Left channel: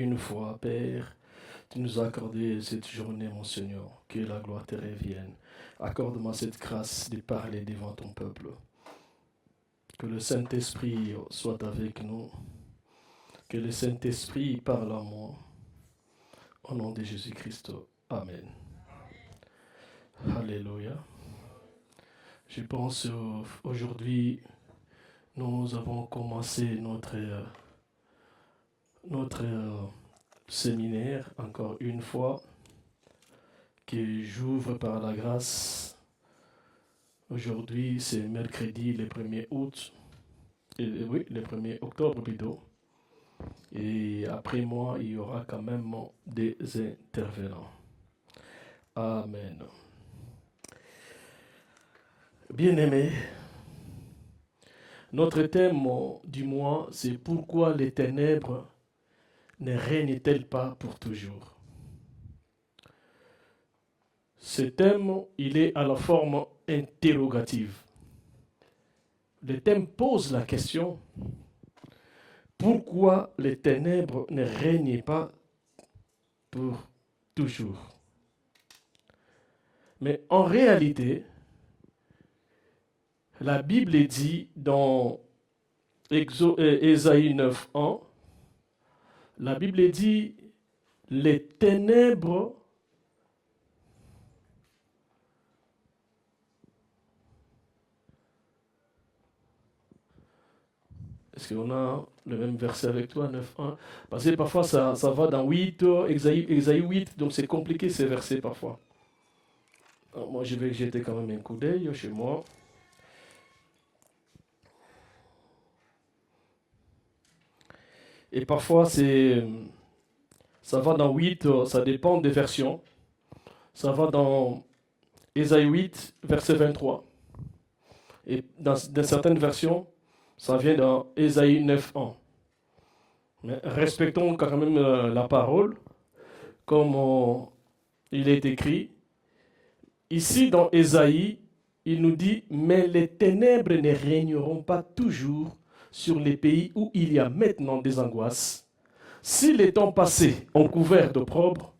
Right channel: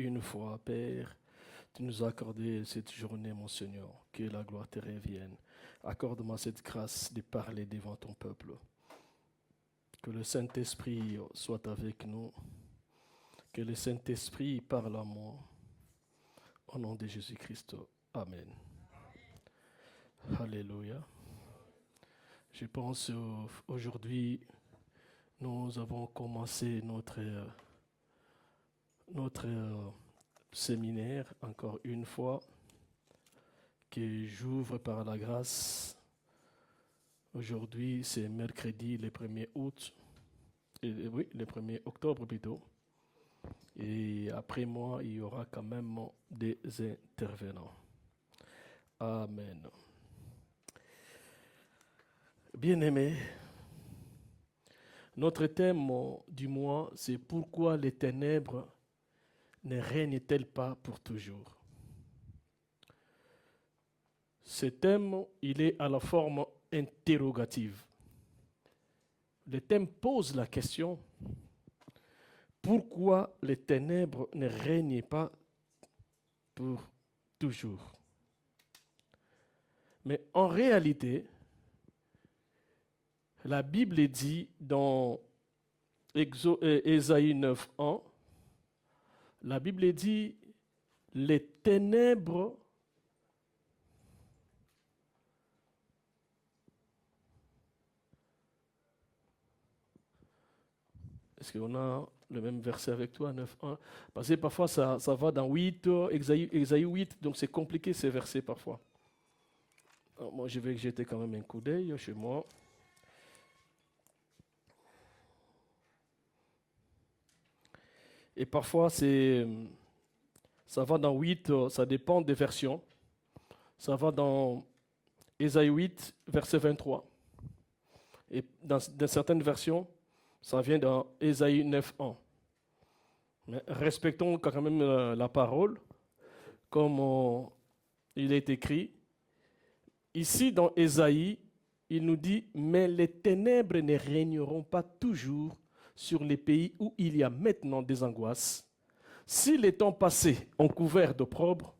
une fois, Père, tu nous as accordé cette journée, mon Seigneur, que la gloire te revienne. Accorde-moi cette grâce de parler devant ton peuple. Que le Saint-Esprit soit avec nous. Que le Saint-Esprit parle à moi. Au nom de Jésus-Christ. Amen. Alléluia. Je pense aujourd'hui, nous avons commencé notre séminaire, encore une fois, qui j'ouvre par la grâce. Aujourd'hui, c'est mercredi, le 1er août. Oui, le 1er octobre plutôt. Et après moi, il y aura quand même des intervenants. Amen. Bien-aimés, notre thème du mois, c'est pourquoi les ténèbres ne règnent-elles pas pour toujours? Ce thème, il est à la forme interrogative. Le thème pose la question, pourquoi les ténèbres ne règnent pas pour toujours? Mais en réalité, la Bible dit dans Ésaïe 9:1, la Bible dit les ténèbres est-ce qu'on a le même verset avec toi, 9:1? Parce que parfois ça va dans 8, Ésaïe 8, donc c'est compliqué ces versets parfois. Alors moi je vais jeter quand même un coup d'œil chez moi. Et parfois ça va dans 8, ça dépend des versions. Ça va dans Ésaïe 8, verset 23. Et dans certaines versions, ça vient dans Ésaïe 9:1. Mais respectons quand même la parole, comme il est écrit. Ici, dans Ésaïe, il nous dit « Mais les ténèbres ne régneront pas toujours sur les pays où il y a maintenant des angoisses. Si les temps passés ont couvert d'opprobre,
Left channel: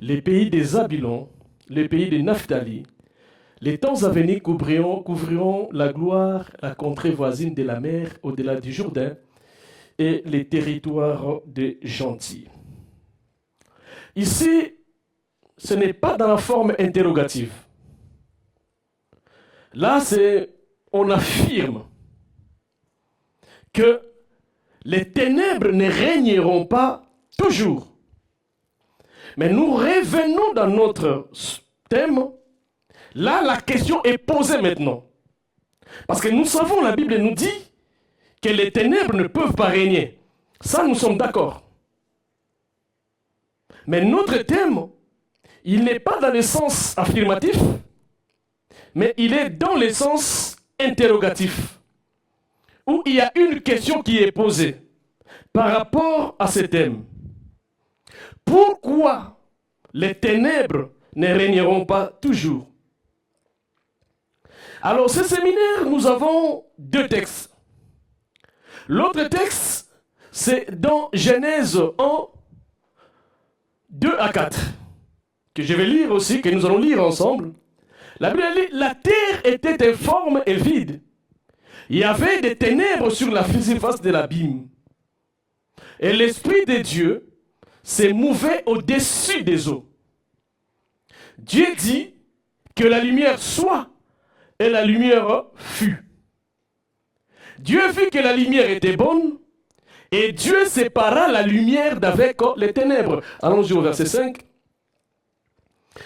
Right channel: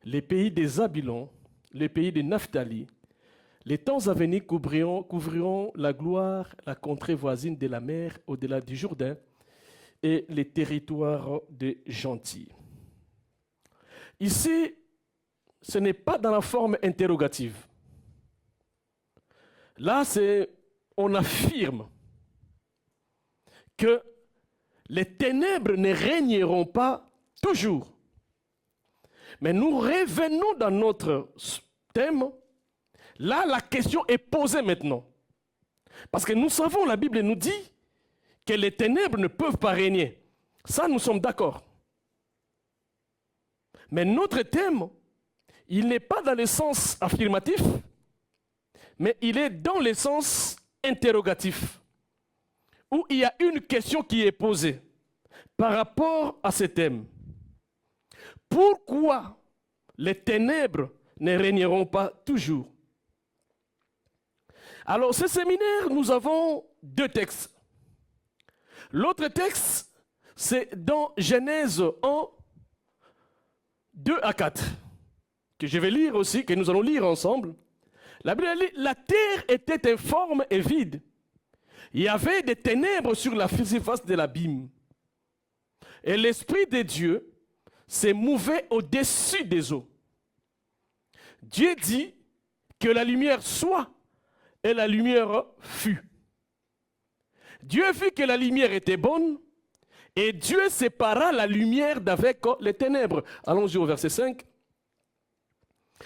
les pays des Zabulon, les pays des Naphtali, les temps à venir couvriront la gloire, la contrée voisine de la mer, au-delà du Jourdain, et les territoires des gentils. » Ici, ce n'est pas dans la forme interrogative. Là, on affirme que les ténèbres ne régneront pas toujours. Mais nous revenons dans notre thème. Là, la question est posée maintenant. Parce que nous savons, la Bible nous dit que les ténèbres ne peuvent pas régner. Ça, nous sommes d'accord. Mais notre thème, il n'est pas dans le sens affirmatif, mais il est dans le sens interrogatif, où il y a une question qui est posée par rapport à ce thème. Pourquoi les ténèbres ne régneront pas toujours? Alors, ce séminaire, nous avons 2 textes. L'autre texte, c'est dans Genèse 1, 2 à 4, que je vais lire aussi, que nous allons lire ensemble. La Bible dit, la terre était informe et vide. Il y avait des ténèbres sur la surface de l'abîme. Et l'Esprit de Dieu se mouvait au-dessus des eaux. Dieu dit que la lumière soit, et la lumière fut. Dieu vit que la lumière était bonne, et Dieu sépara la lumière d'avec les ténèbres. Allons-y au verset 5.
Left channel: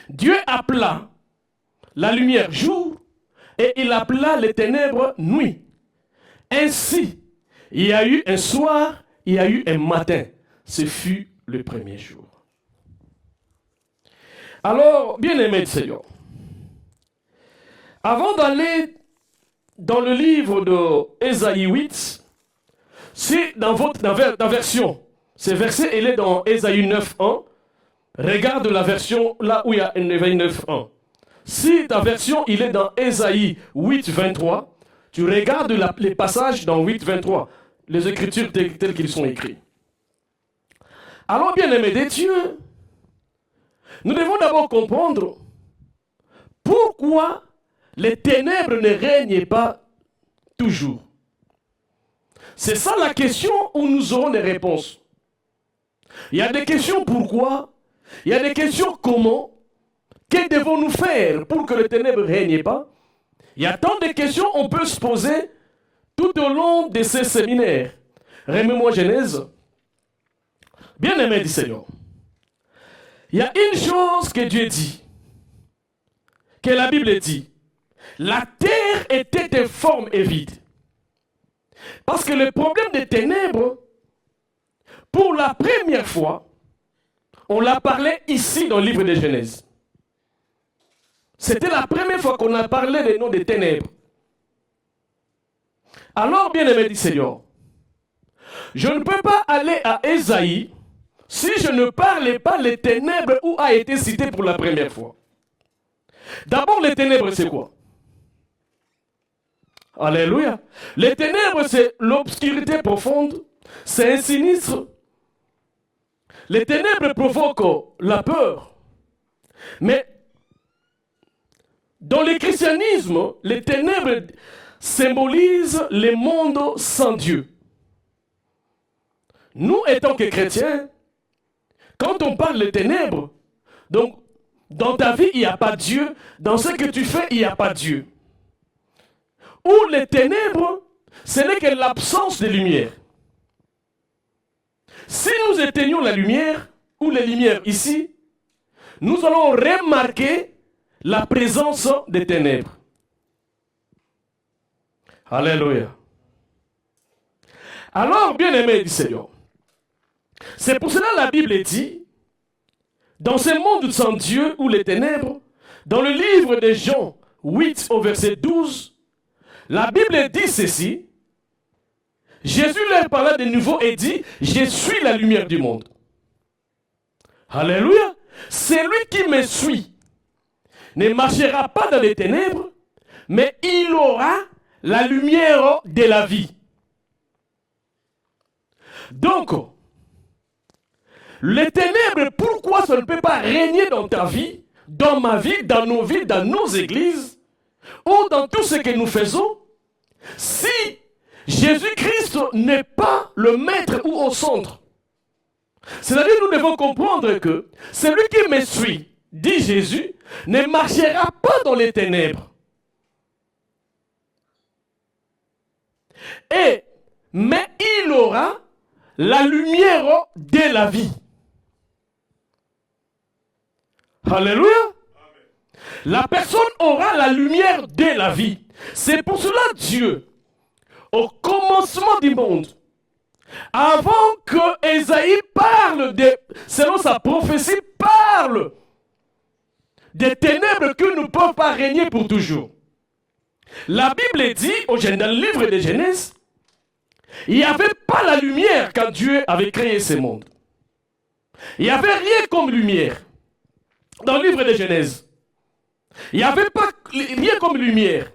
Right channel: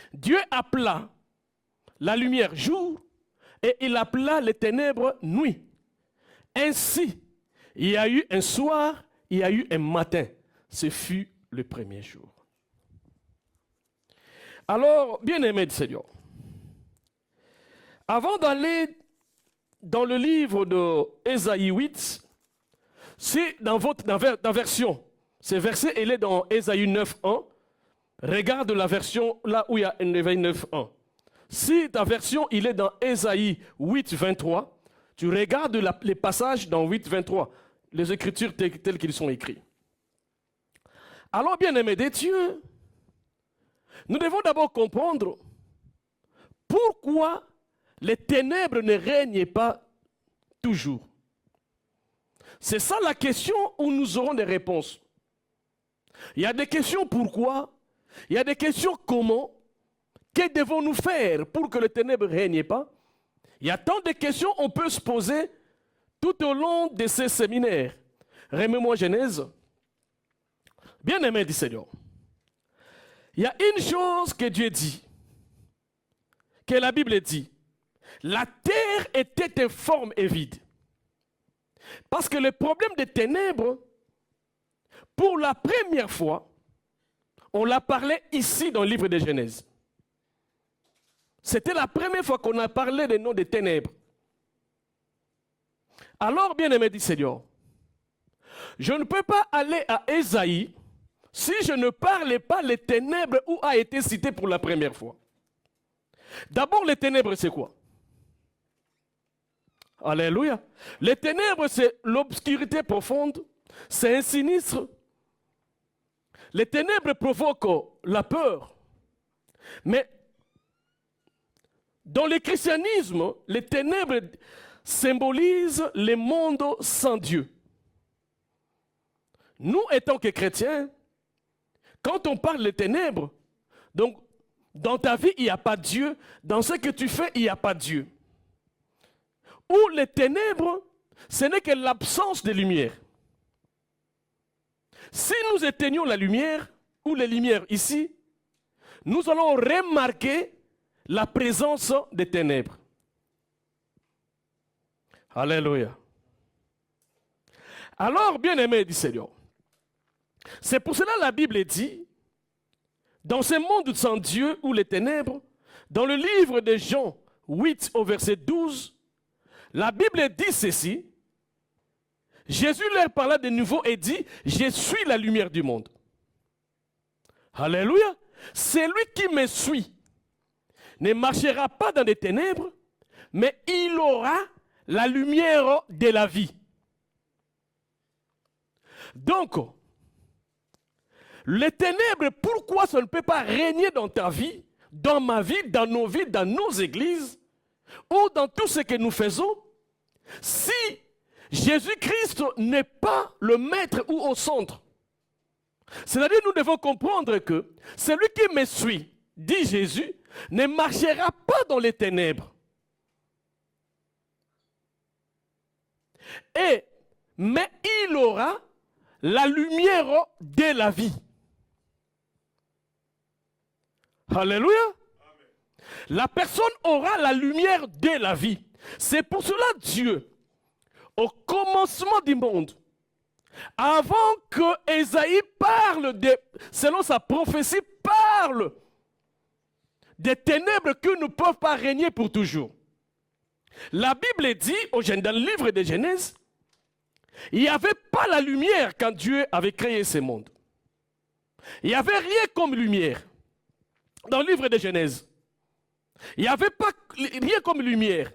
Dieu appela la lumière jour, et il appela les ténèbres nuit. Ainsi, il y a eu un soir, il y a eu un matin. Ce fut le premier jour. Alors, bien-aimés du Seigneur, avant d'aller dans le livre d'Ésaïe 8, si dans ta version, ce verset il est dans Ésaïe 9:1, regarde la version là où il y a Ésaïe 9:1. Si ta version il est dans Ésaïe 8:23, tu regardes les passages dans 8:23, les écritures telles qu'ils sont écrites. Alors, bien aimés de Dieu, nous devons d'abord comprendre pourquoi les ténèbres ne règnent pas toujours. C'est ça la question où nous aurons des réponses. Il y a des questions pourquoi, il y a des questions comment, que devons-nous faire pour que les ténèbres ne règnent pas. Il y a tant de questions qu'on peut se poser tout au long de ces séminaires. Remets-moi Genèse. Bien aimé du Seigneur. Il y a une chose que Dieu dit, que la Bible dit. La terre était informe et vide. Parce que le problème des ténèbres, pour la première fois, on l'a parlé ici dans le livre de Genèse. C'était la première fois qu'on a parlé des noms des ténèbres. Alors, bien aimé du Seigneur, je ne peux pas aller à Ésaïe si je ne parlais pas des ténèbres où a été cité pour la première fois. D'abord, les ténèbres, c'est quoi? Alléluia. Les ténèbres, c'est l'obscurité profonde, c'est un sinistre. Les ténèbres provoquent la peur. Mais dans le christianisme, les ténèbres symbolisent le monde sans Dieu. Nous, étant que chrétiens, quand on parle de ténèbres, donc dans ta vie, il n'y a pas Dieu. Dans ce que tu fais, il n'y a pas Dieu. Ou les ténèbres, ce n'est que l'absence de lumière. Si nous éteignons la lumière, ou les lumières ici, nous allons remarquer la présence des ténèbres. Alléluia. Alors, bien aimé du Seigneur, c'est pour cela que la Bible dit, dans ce monde sans Dieu ou les ténèbres, dans le livre de Jean 8 au verset 12, la Bible dit ceci, Jésus leur parla de nouveau et dit, je suis la lumière du monde. Alléluia. Celui qui me suit ne marchera pas dans les ténèbres, mais il aura la lumière de la vie. Donc, les ténèbres, pourquoi ça ne peut pas régner dans ta vie, dans ma vie, dans nos vies, dans nos églises, ou dans tout ce que nous faisons, si Jésus-Christ n'est pas le maître ou au centre? C'est-à-dire que nous devons comprendre que celui qui me suit, dit Jésus, ne marchera pas dans les ténèbres. Mais il aura la lumière de la vie. Alléluia. La personne aura la lumière de la vie. C'est pour cela Dieu, au commencement du monde, avant que Ésaïe parle, selon sa prophétie, parle des ténèbres qui ne peuvent pas régner pour toujours. La Bible dit, dans le livre de Genèse, il n'y avait pas la lumière quand Dieu avait créé ce monde. Il n'y avait rien comme lumière dans le livre de Genèse. Il n'y avait pas rien comme lumière.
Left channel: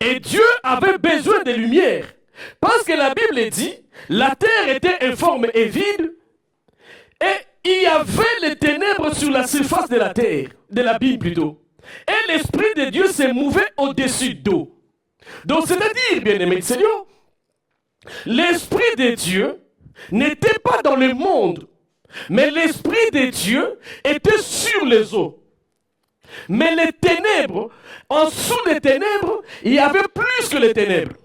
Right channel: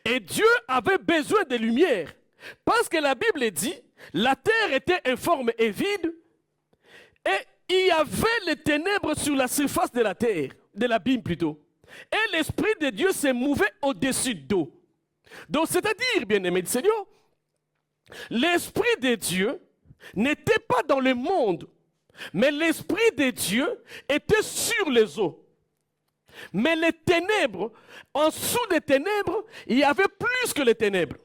Et Dieu avait besoin de lumière. Parce que la Bible dit, la terre était informe et vide, et il y avait les ténèbres sur la surface de la terre, de la Bible plutôt. Et l'Esprit de Dieu s'est mouvé au-dessus d'eau. Donc c'est-à-dire, bien-aimé Seigneur, l'Esprit de Dieu n'était pas dans le monde, mais l'Esprit de Dieu était sur les eaux. Mais les ténèbres, en dessous des ténèbres, il y avait plus que les ténèbres.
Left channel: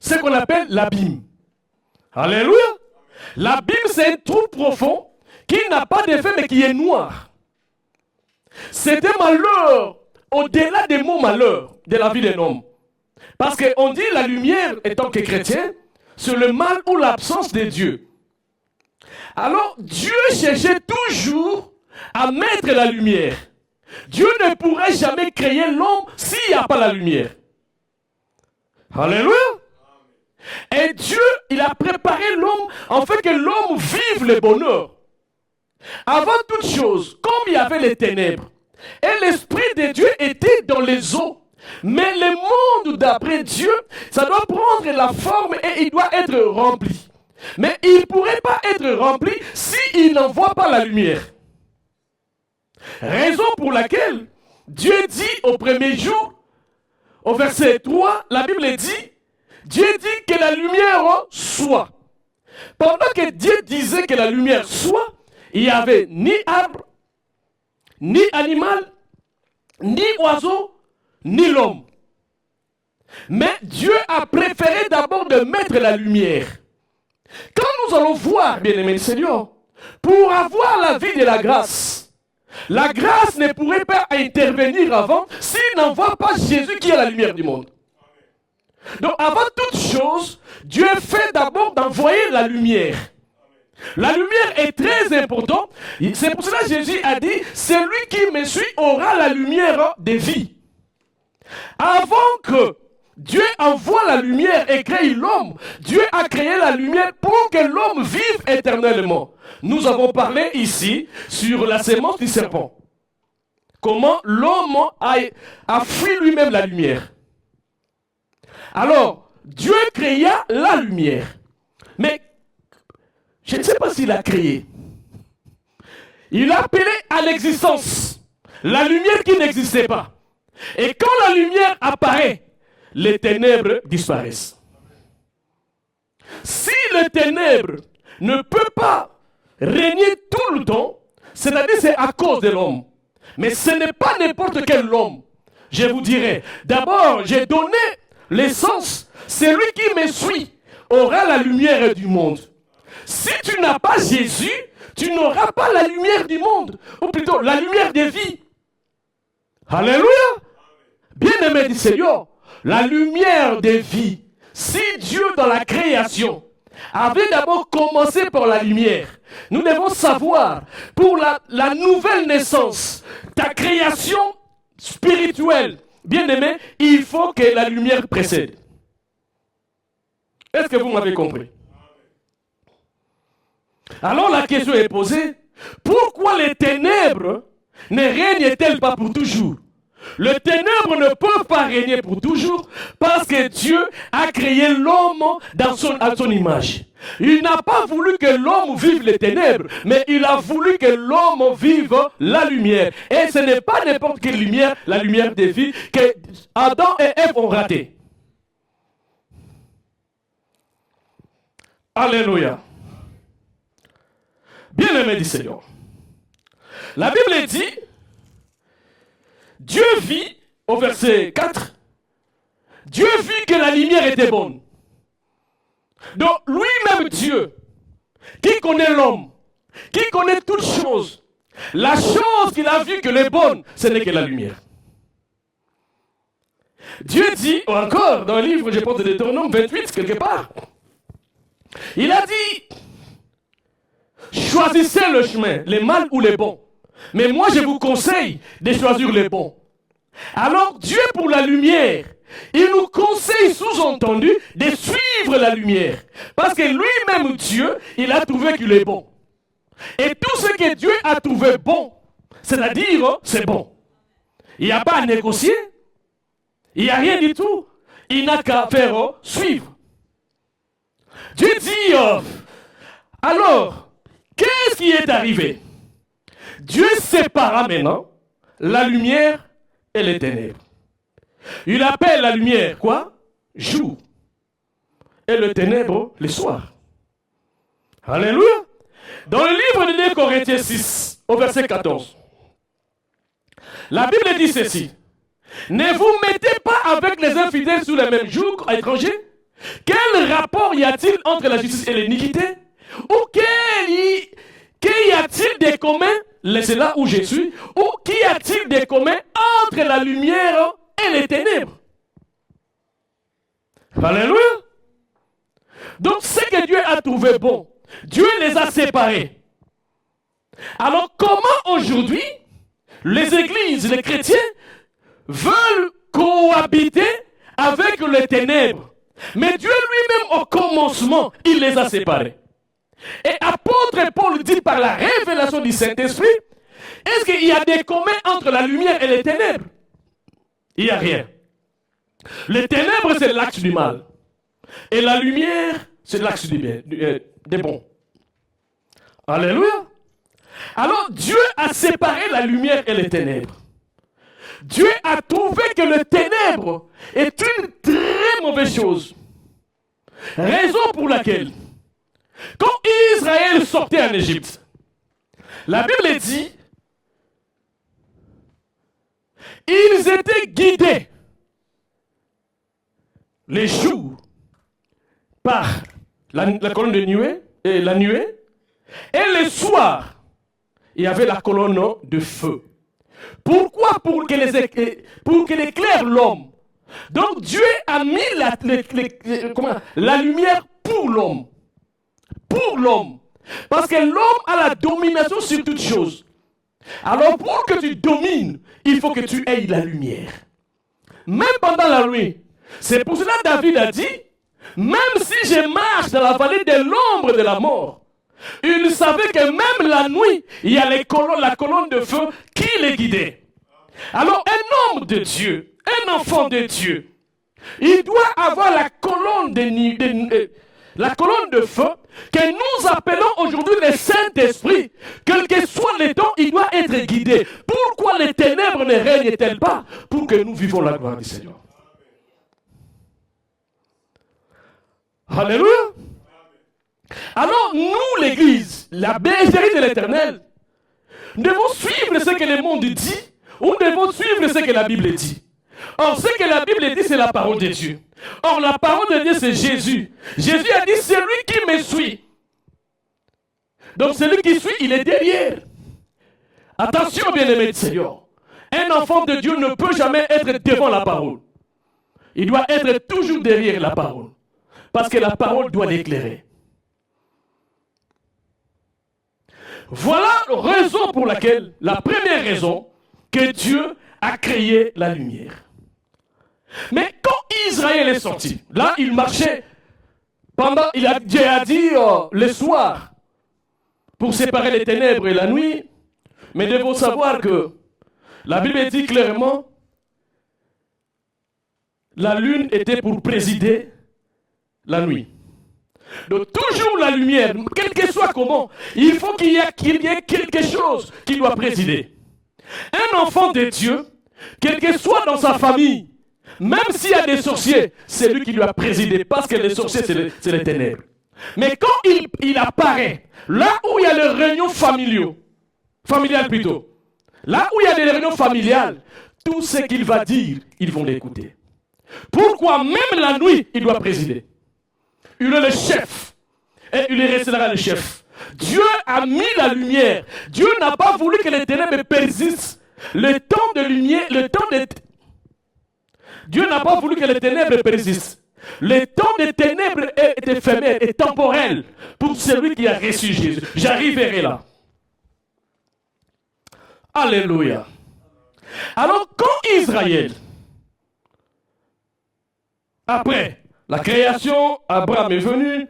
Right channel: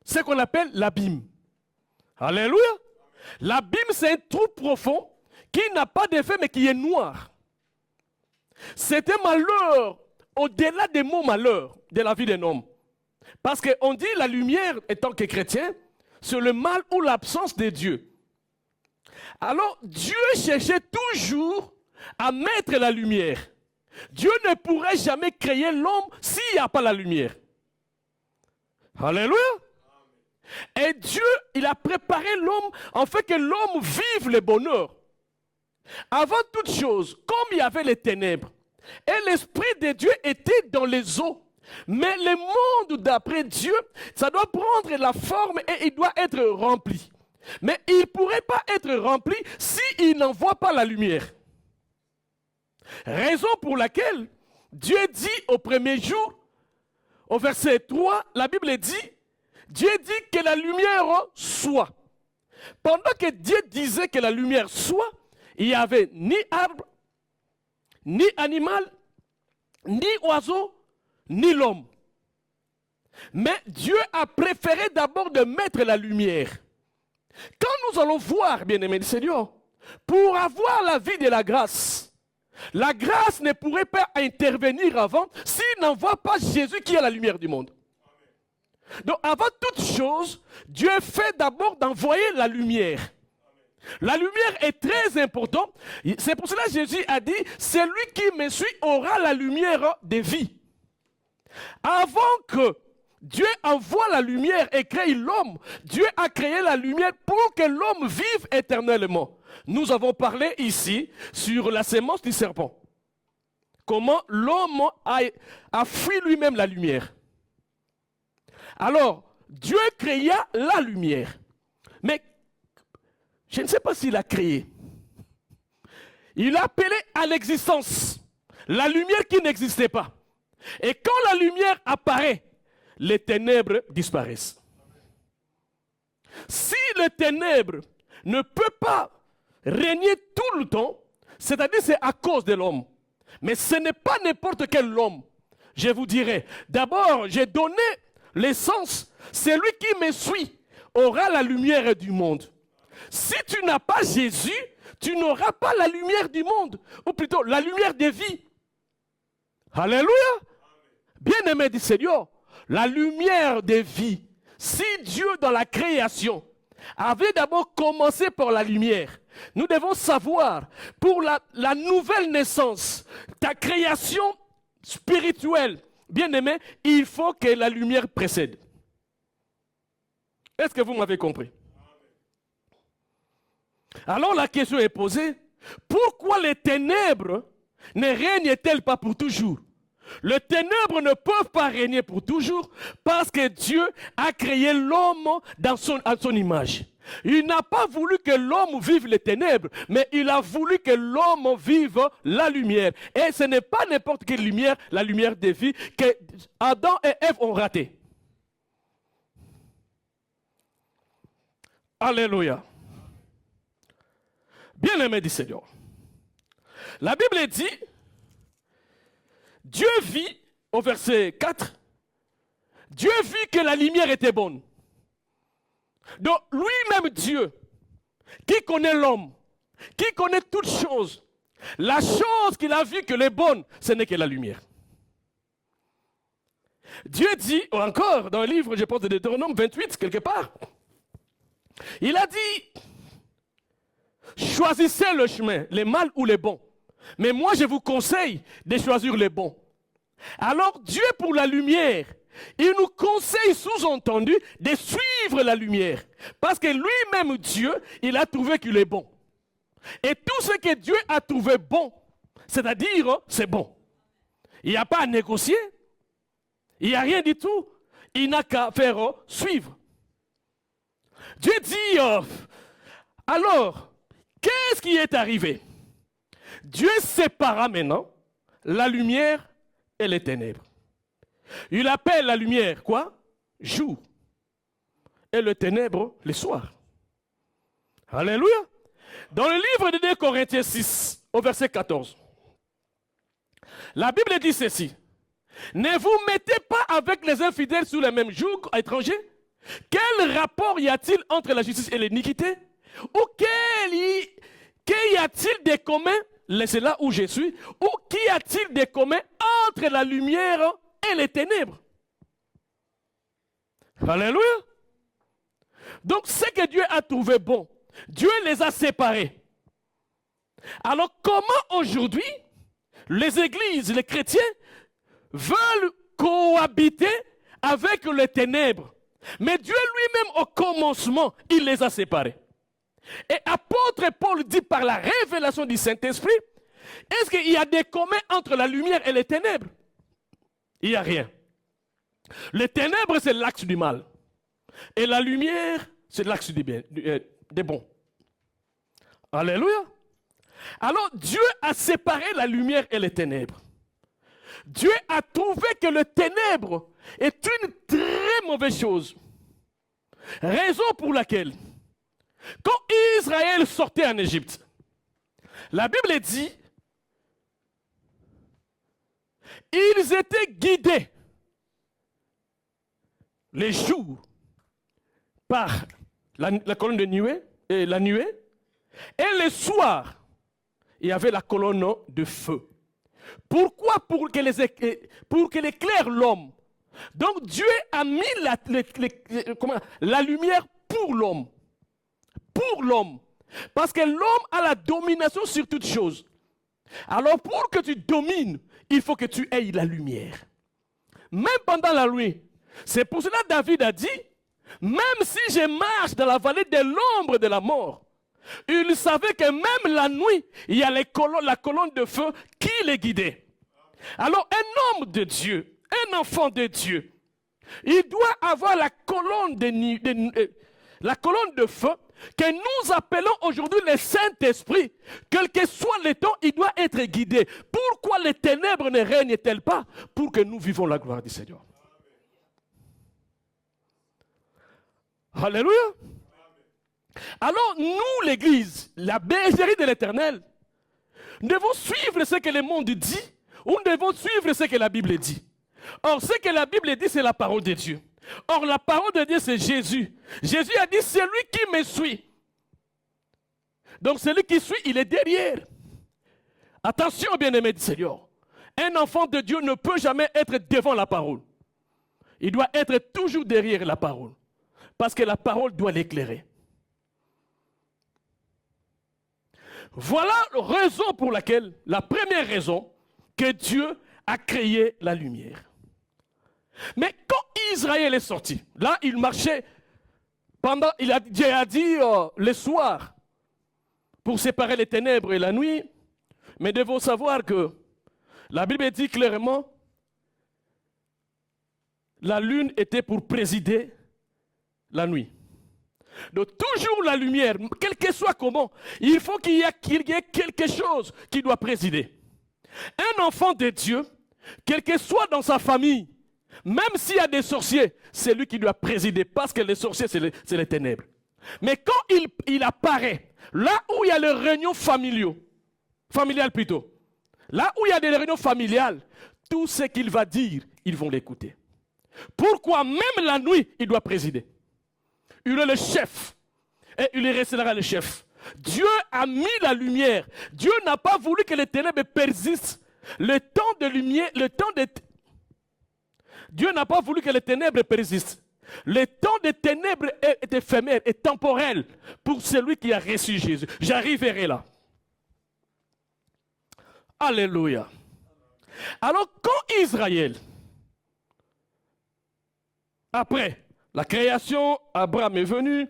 C'est ce qu'on appelle l'abîme. Alléluia. L'abîme, c'est un trou profond qui n'a pas d'effet, mais qui est noir. C'est un malheur au-delà des mots malheur de la vie d'un homme. Parce qu'on dit la lumière, étant que chrétien, c'est le mal ou l'absence de Dieu. Alors, Dieu cherchait toujours à mettre la lumière. Dieu ne pourrait jamais créer l'homme s'il n'y a pas la lumière. Alléluia. Et Dieu, il a préparé l'homme en fait que l'homme vive le bonheur. Avant toute chose, comme il y avait les ténèbres, et l'Esprit de Dieu était dans les eaux. Mais le monde d'après Dieu, ça doit prendre la forme et il doit être rempli. Mais il ne pourrait pas être rempli s'il n'envoie pas la lumière. Raison pour laquelle Dieu dit au premier jour, au verset 3, la Bible dit, Dieu dit que la lumière soit. Pendant que Dieu disait que la lumière soit, il n'y avait ni arbre, ni animal, ni oiseau, ni l'homme. Mais Dieu a préféré d'abord de mettre la lumière. Quand nous allons voir, bien-aimés Seigneur, pour avoir la vie de la grâce ne pourrait pas intervenir avant s'il n'envoie pas Jésus qui est la lumière du monde. Donc avant toute chose, Dieu fait d'abord d'envoyer la lumière. La lumière est très importante. C'est pour ça que Jésus a dit, celui qui me suit aura la lumière de vie. Avant que Dieu envoie la lumière et crée l'homme, Dieu a créé la lumière pour que l'homme vive éternellement. Nous avons parlé ici sur la sémence du serpent. Comment l'homme a fui lui-même la lumière. Alors, Dieu créa la lumière. Mais, je ne sais pas s'il l'a créée. Il a appelé à l'existence la lumière qui n'existait pas. Et quand la lumière apparaît, les ténèbres disparaissent. Si les ténèbres ne peuvent pas régner tout le temps, c'est-à-dire c'est à cause de l'homme. Mais ce n'est pas n'importe quel homme. Je vous dirai, d'abord, j'ai donné l'essence. Celui qui me suit aura la lumière du monde. Si tu n'as pas Jésus, tu n'auras pas la lumière du monde. Ou plutôt, la lumière des vies. Alléluia. Bien-aimé du Seigneur, la lumière des vies. Si Dieu dans la création avait d'abord commencé par la lumière, nous devons savoir, pour la nouvelle naissance, ta création spirituelle, bien-aimé, il faut que la lumière précède. Est-ce que vous m'avez compris? Alors la question est posée, pourquoi les ténèbres ne règnent-elles pas pour toujours? Les ténèbres ne peuvent pas régner pour toujours parce que Dieu a créé l'homme à son image. Il n'a pas voulu que l'homme vive les ténèbres, mais il a voulu que l'homme vive la lumière. Et ce n'est pas n'importe quelle lumière, la lumière des vies, que Adam et Ève ont raté. Alléluia. Bien-aimé du Seigneur. La Bible dit, Dieu vit, au verset 4, Dieu vit que la lumière était bonne. Donc lui-même Dieu, qui connaît l'homme, qui connaît toutes choses, la chose qu'il a vue que est bonne, ce n'est que la lumière. Dieu dit encore dans le livre, je pense, de Deutéronome 28, quelque part, il a dit, choisissez le chemin, les mal ou les bons. Mais moi, je vous conseille de choisir les bons. Alors, Dieu, pour la lumière, il nous conseille, sous-entendu, de suivre la lumière. Parce que lui-même, Dieu, il a trouvé qu'il est bon. Et tout ce que Dieu a trouvé bon, c'est-à-dire, c'est bon. Il n'y a pas à négocier. Il n'y a rien du tout. Il n'a qu'à faire suivre. Dieu dit, alors, qu'est-ce qui est arrivé? Dieu sépara maintenant la lumière et les ténèbres. Il appelle la lumière quoi? Jour. Et le ténèbre le soir. Alléluia. Dans le livre de 2 Corinthiens 6, au verset 14, la Bible dit ceci. Ne vous mettez pas avec les infidèles sous le même joug étranger. Quel rapport y a-t-il entre la justice et l'iniquité? Ou qu'y a-t-il de commun? C'est là où je suis. Ou qu'y a-t-il de commun entre la lumière et les ténèbres? Alléluia. Donc ce que Dieu a trouvé bon, Dieu les a séparés. Alors comment aujourd'hui les églises, les chrétiens veulent cohabiter avec les ténèbres? Mais Dieu lui-même au commencement, il les a séparés. Et apôtre Paul dit par la révélation du Saint-Esprit, est-ce qu'il y a des communs entre la lumière et les ténèbres? Il n'y a rien. Les ténèbres, c'est l'axe du mal. Et la lumière, c'est l'axe du bien. des bons. Alléluia. Alors Dieu a séparé la lumière et les ténèbres. Dieu a trouvé que le ténèbre est une très mauvaise chose. Raison pour laquelle, quand Israël sortait en Égypte, la Bible dit, ils étaient guidés les jours par la colonne de nuée et la nuée, et le soir, il y avait la colonne de feu. Pourquoi? Pour qu'il éclaire l'homme. Donc Dieu a mis la lumière pour l'homme. Pour l'homme. Parce que l'homme a la domination sur toutes choses. Alors pour que tu domines, il faut que tu aies la lumière. Même pendant la nuit. C'est pour cela que David a dit, même si je marche dans la vallée de l'ombre de la mort, il savait que même la nuit, il y a la colonne de feu qui les guidait. Alors un homme de Dieu, un enfant de Dieu, il doit avoir la colonne de feu que nous appelons aujourd'hui le Saint-Esprit. Quel que soit le temps, il doit être guidé. Pourquoi les ténèbres ne règnent-elles pas? Pour que nous vivons la gloire du Seigneur. Alléluia. Alors nous, l'Église, la bergerie de l'Éternel, devons suivre ce que le monde dit, ou devons suivre ce que la Bible dit. Or, ce que la Bible dit, c'est la parole de Dieu. Or, la parole de Dieu, c'est Jésus. Jésus a dit, celui qui me suit. Donc, celui qui suit, il est derrière. Attention, bien-aimés du Seigneur. Un enfant de Dieu ne peut jamais être devant la parole. Il doit être toujours derrière la parole. Parce que la parole doit l'éclairer. Voilà la raison pour laquelle, la première raison, que Dieu a créé la lumière. Mais quand Israël est sorti, là il marchait pendant, Dieu a dit le soir, pour séparer les ténèbres et la nuit, mais il faut savoir que la Bible dit clairement, la lune était pour présider la nuit. Donc toujours la lumière, quel que soit comment, il faut qu'il y ait quelque chose qui doit présider. Un enfant de Dieu, quel que soit dans sa famille, même s'il y a des sorciers, c'est lui qui doit présider, parce que les sorciers, c'est les ténèbres. Mais quand il apparaît, là où il y a des réunions familiales plutôt, là où il y a des réunions familiales, tout ce qu'il va dire, ils vont l'écouter. Pourquoi même la nuit, il doit présider? Il est le chef. Et il est là le chef. Dieu a mis la lumière. Dieu n'a pas voulu que les ténèbres persistent. Le temps de lumière, Dieu n'a pas voulu que les ténèbres persistent. Le temps des ténèbres est éphémère, est temporel pour celui qui a reçu Jésus. J'arriverai là. Alléluia. Alors quand Israël, après la création, Abraham est venu,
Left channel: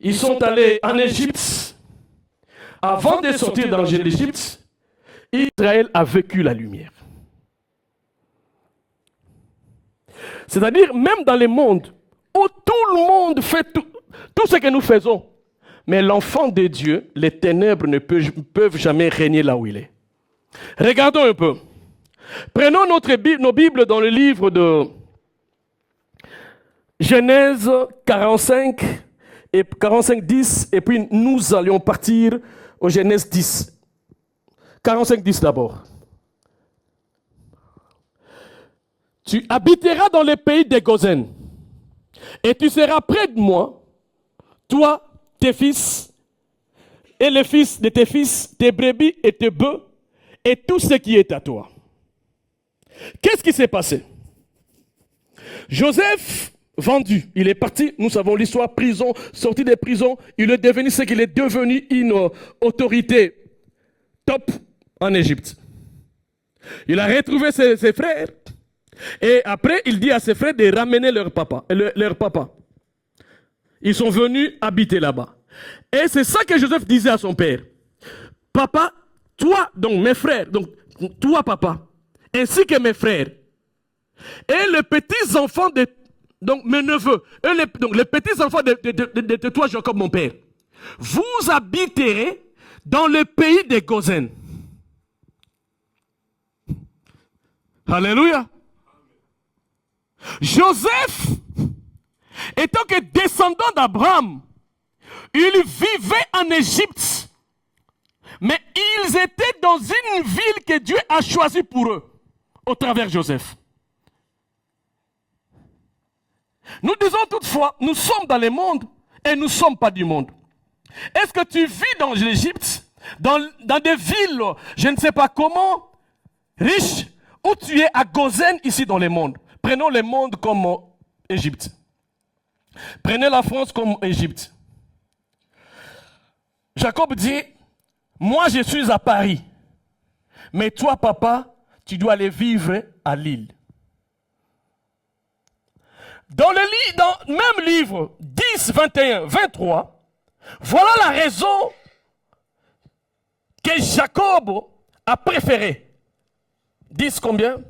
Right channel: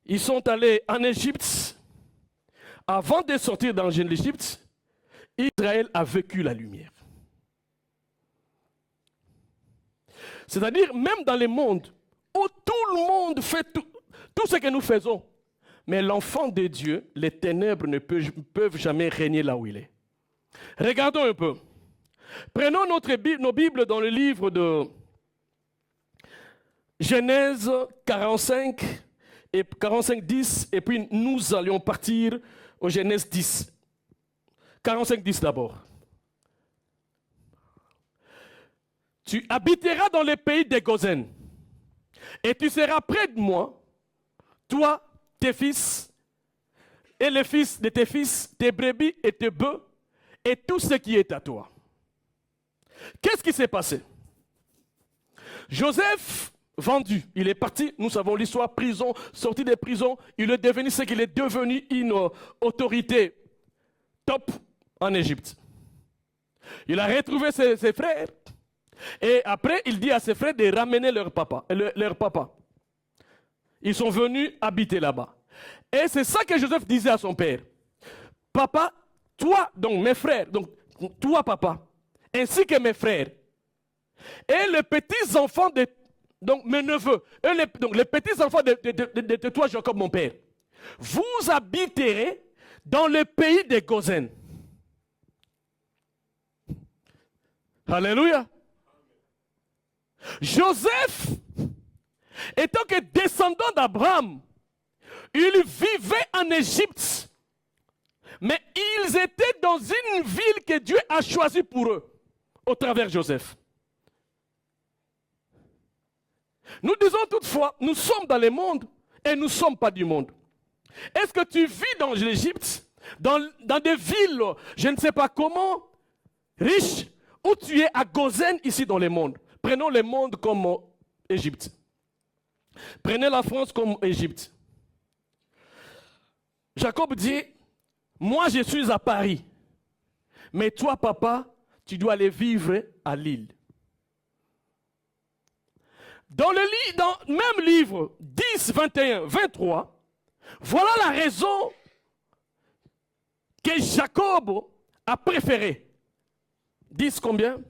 ils sont allés en Égypte. Avant de sortir dans l'Égypte, Israël a vécu la lumière. C'est-à-dire, même dans le monde, où tout le monde fait tout ce que nous faisons, mais l'enfant de Dieu, les ténèbres ne peuvent jamais régner là où il est. Regardons un peu. Prenons nos Bibles dans le livre de Genèse 45, et 45, 10, et puis nous allions partir au Genèse 10. 45, 10 d'abord. Tu habiteras dans le pays de Gozen, et tu seras près de moi, toi, tes fils, et les fils de tes fils, tes brebis et tes bœufs, et tout ce qui est à toi. Qu'est-ce qui s'est passé? Joseph, vendu, il est parti, nous savons l'histoire, prison, sorti des prisons, il est devenu ce qu'il est devenu, une autorité top en Égypte. Il a retrouvé ses frères, et après il dit à ses frères de ramener leur papa. Ils sont venus habiter là-bas. Et c'est ça que Joseph disait à son père. Papa, toi, donc mes frères, donc toi papa, ainsi que mes frères, et les petits enfants de donc mes neveux, donc les petits-enfants de toi, Jacob, mon père, vous habiterez dans le pays des Gozen. Alléluia. Joseph, étant que descendant d'Abraham, il vivait en Égypte, mais ils étaient dans une ville que Dieu a choisie pour eux, au travers de Joseph. Nous disons toutefois, nous sommes dans le monde et nous ne sommes pas du monde. Est-ce que tu vis dans l'Égypte, dans des villes, je ne sais pas comment, riches, ou tu es à Gozen ici dans le monde? Prenons le monde comme Égypte. Prenez la France comme Égypte. Jacob dit, moi je suis à Paris, mais toi papa, tu dois aller vivre à Lille. Dans le même livre 10, 21, 23, voilà la raison que Jacob a préféré. 10 combien?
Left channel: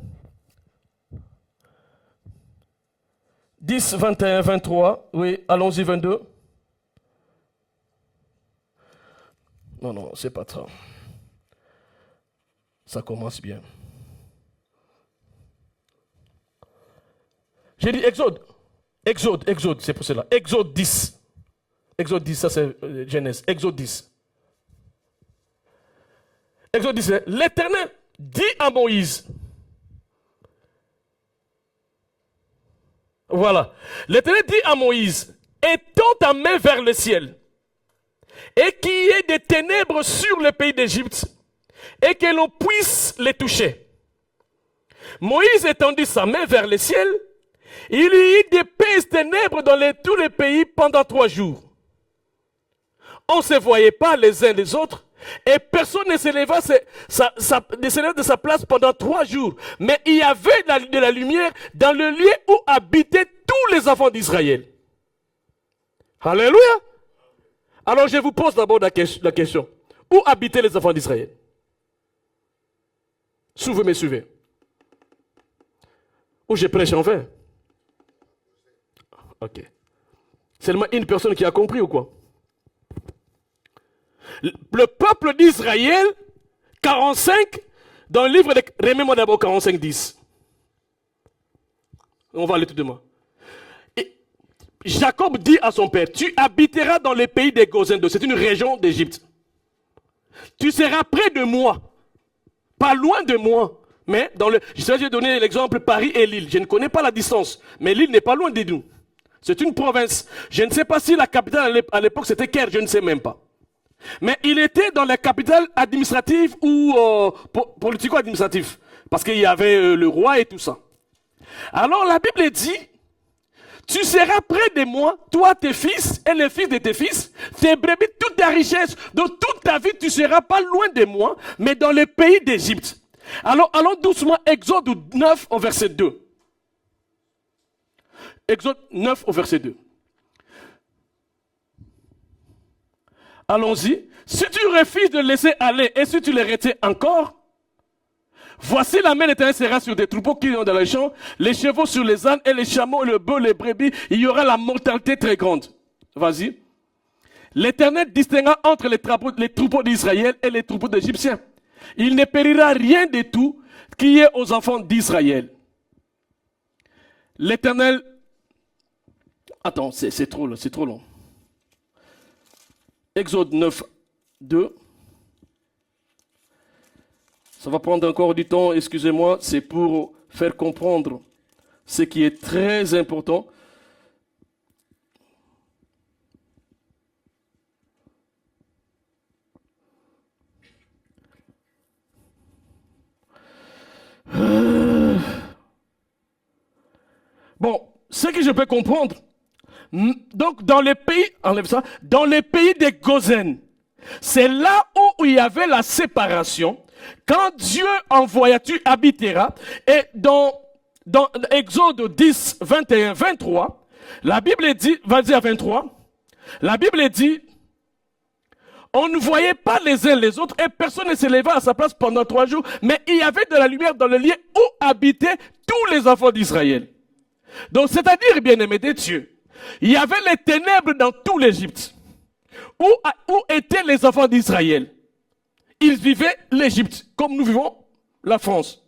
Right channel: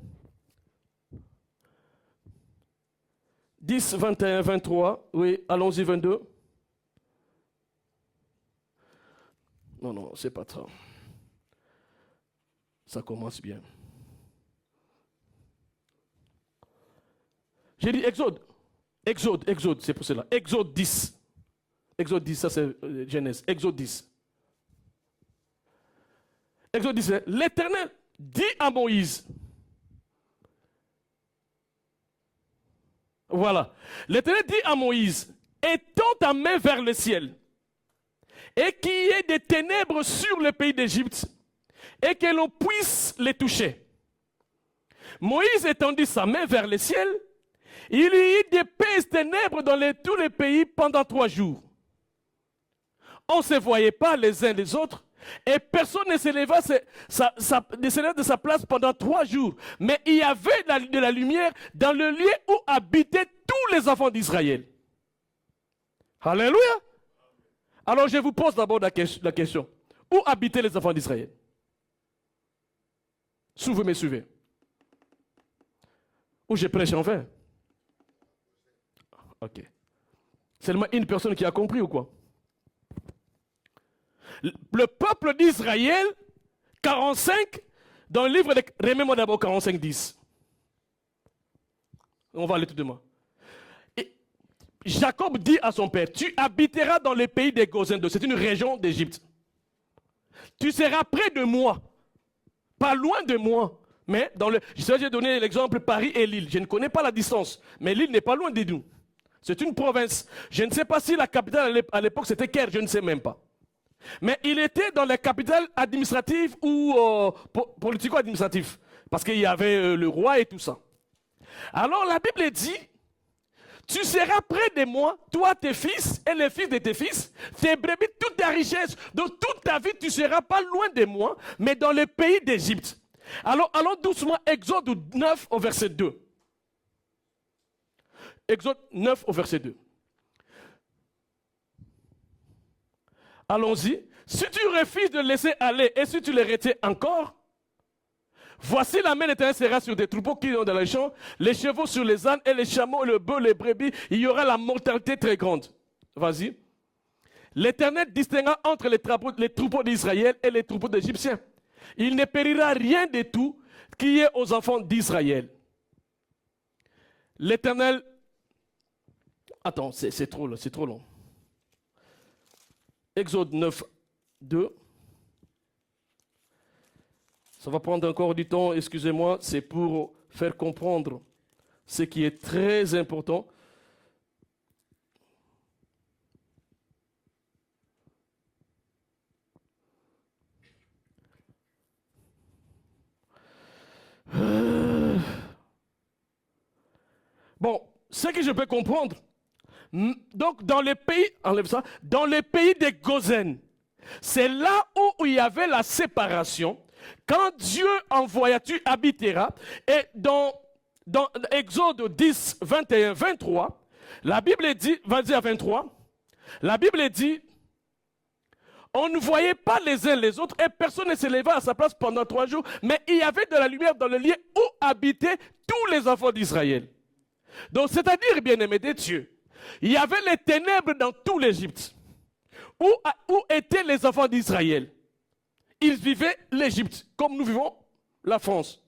10, 21, 23, oui, allons-y 22. Non, c'est pas ça. Ça commence bien. J'ai dit Exode, c'est pour cela. Exode 10. Exode 10, ça c'est Genèse. Exode 10. Exode 10, l'Éternel dit à Moïse. Voilà. L'Éternel dit à Moïse, étends ta main vers le ciel, et qu'il y ait des ténèbres sur le pays d'Égypte, et que l'on puisse les toucher. Moïse étendit sa main vers le ciel, il y eut d'épaisses ténèbres dans tous les pays pendant 3 jours. On ne se voyait pas les uns les autres, et personne ne s'éleva de sa place pendant 3 jours. Mais il y avait de la lumière dans le lieu où habitaient tous les enfants d'Israël. Alléluia. Alors je vous pose d'abord la question. Où habitaient les enfants d'Israël? Si vous me suivez. Où je prêche en vain? Ok. Seulement une personne qui a compris ou quoi? Le peuple d'Israël, 45, dans le livre de... Remets-moi d'abord 45, 10. On va aller tout de moi. Jacob dit à son père, tu habiteras dans le pays des Gozen, c'est une région d'Égypte. Tu seras près de moi, pas loin de moi. Mais dans le... J'ai donné l'exemple Paris et Lille. Je ne connais pas la distance, mais Lille n'est pas loin de nous. C'est une province. Je ne sais pas si la capitale à l'époque c'était Caire, je ne sais même pas. Mais il était dans la capitale administrative ou politico-administrative. Parce qu'il y avait le roi et tout ça. Alors la Bible dit, tu seras près de moi, toi, tes fils et les fils de tes fils, tes brebis, toute ta richesse, dans toute ta vie, tu ne seras pas loin de moi, mais dans le pays d'Égypte. Alors allons doucement, Exode 9 au verset 2. Exode 9 au verset 2. Allons-y. Si tu refuses de laisser aller et si tu les retiens encore, voici la main de l'Éternel sera sur des troupeaux qui sont dans les champs, les chevaux sur les ânes et les chameaux, le bœuf, les brebis. Il y aura la mortalité très grande. Vas-y. L'Éternel distinguera entre les troupeaux d'Israël et les troupeaux d'Égyptiens. Il ne périra rien de tout qui est aux enfants d'Israël. L'Éternel... Attends, c'est trop long. Exode 9, 2. Ça va prendre encore du temps, excusez-moi, c'est pour faire comprendre ce qui est très important. Bon, ce que je peux comprendre, donc dans les pays, enlève ça, dans les pays des Gozen, c'est là où il y avait la séparation. Quand Dieu envoya, tu habiteras. Et dans Exode 10, 21, 23, la Bible dit, vas-y à 23, la Bible dit, on ne voyait pas les uns les autres et personne ne se leva à sa place pendant 3 jours, mais il y avait de la lumière dans le lieu où habitaient tous les enfants d'Israël. Donc, c'est-à-dire, bien-aimés de Dieu, il y avait les ténèbres dans tout l'Égypte. Où étaient les enfants d'Israël? Ils vivaient l'Égypte, comme nous vivons la France.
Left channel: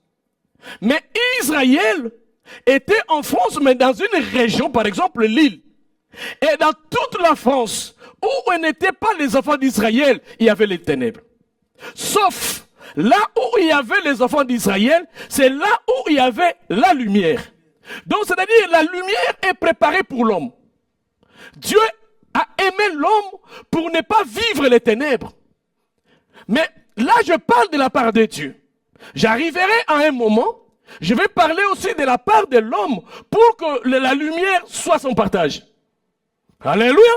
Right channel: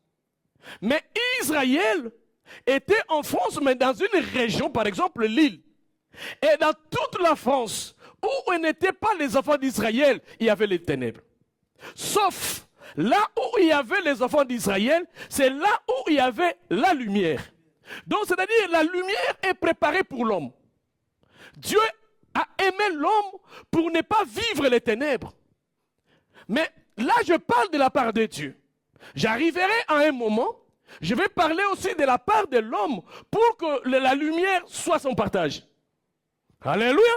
Mais Israël était en France, mais dans une région, par exemple l'île. Et dans toute la France, où n'étaient pas les enfants d'Israël, il y avait les ténèbres. Sauf là où il y avait les enfants d'Israël, c'est là où il y avait la lumière. Donc, c'est-à-dire, la lumière est préparée pour l'homme. Dieu a aimé l'homme pour ne pas vivre les ténèbres. Mais là, je parle de la part de Dieu. J'arriverai à un moment, je vais parler aussi de la part de l'homme pour que la lumière soit son partage. Alléluia.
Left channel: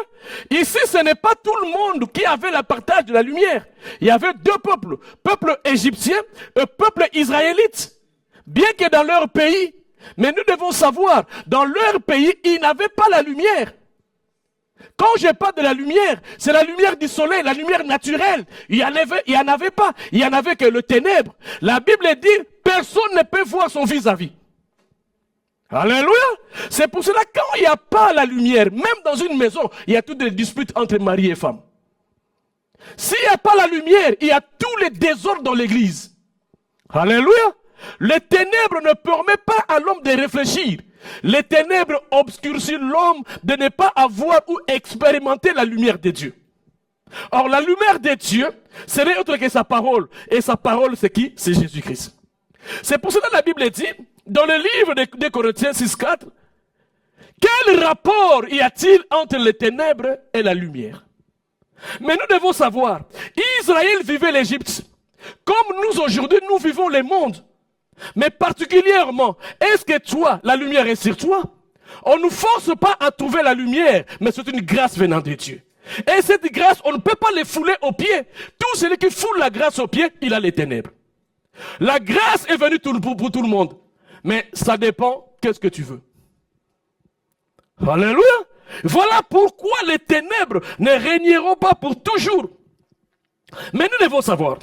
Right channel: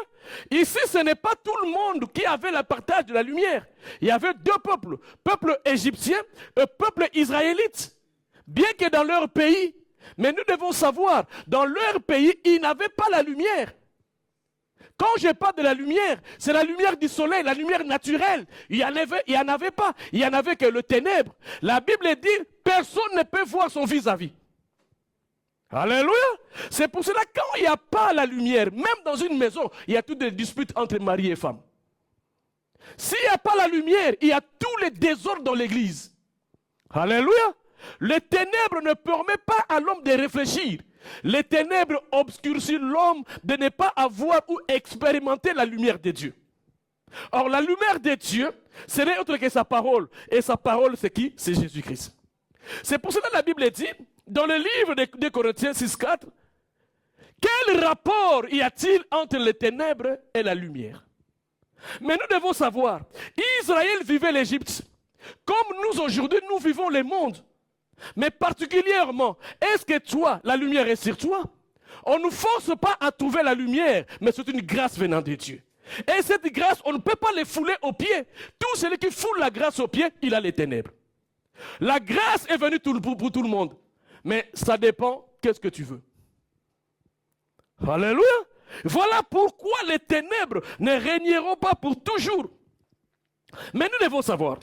Ici, ce n'est pas tout le monde qui avait le partage de la lumière. Il y avait deux peuples, peuple égyptien et peuple israélite. Bien que dans leur pays, mais nous devons savoir, dans leur pays, ils n'avaient pas la lumière. Quand je parle de la lumière, c'est la lumière du soleil, la lumière naturelle. Il n'y en avait pas. Il n'y en avait que le ténèbre. La Bible dit, personne ne peut voir son vis-à-vis. Alléluia. C'est pour cela que quand il n'y a pas la lumière, même dans une maison, il y a toutes les disputes entre mari et femme. S'il n'y a pas la lumière, il y a tous les désordres dans l'église. Alléluia. Les ténèbres ne permettent pas à l'homme de réfléchir. Les ténèbres obscurcissent l'homme de ne pas avoir ou expérimenter la lumière de Dieu. Or, la lumière de Dieu, ce n'est autre que sa parole. Et sa parole, c'est qui? C'est Jésus-Christ. C'est pour cela que la Bible dit, dans le livre de Corinthiens 6,4, quel rapport y a-t-il entre les ténèbres et la lumière? Mais nous devons savoir, Israël vivait l'Égypte, comme nous aujourd'hui, nous vivons le monde. Mais particulièrement, est-ce que toi, la lumière est sur toi? On ne nous force pas à trouver la lumière, mais c'est une grâce venant de Dieu. Et cette grâce, on ne peut pas les fouler aux pieds. Tout celui qui foule la grâce aux pieds, il a les ténèbres. La grâce est venue pour tout le monde. Mais ça dépend, qu'est-ce que tu veux. Alléluia. Voilà pourquoi les ténèbres ne régneront pas pour toujours. Mais nous devons savoir,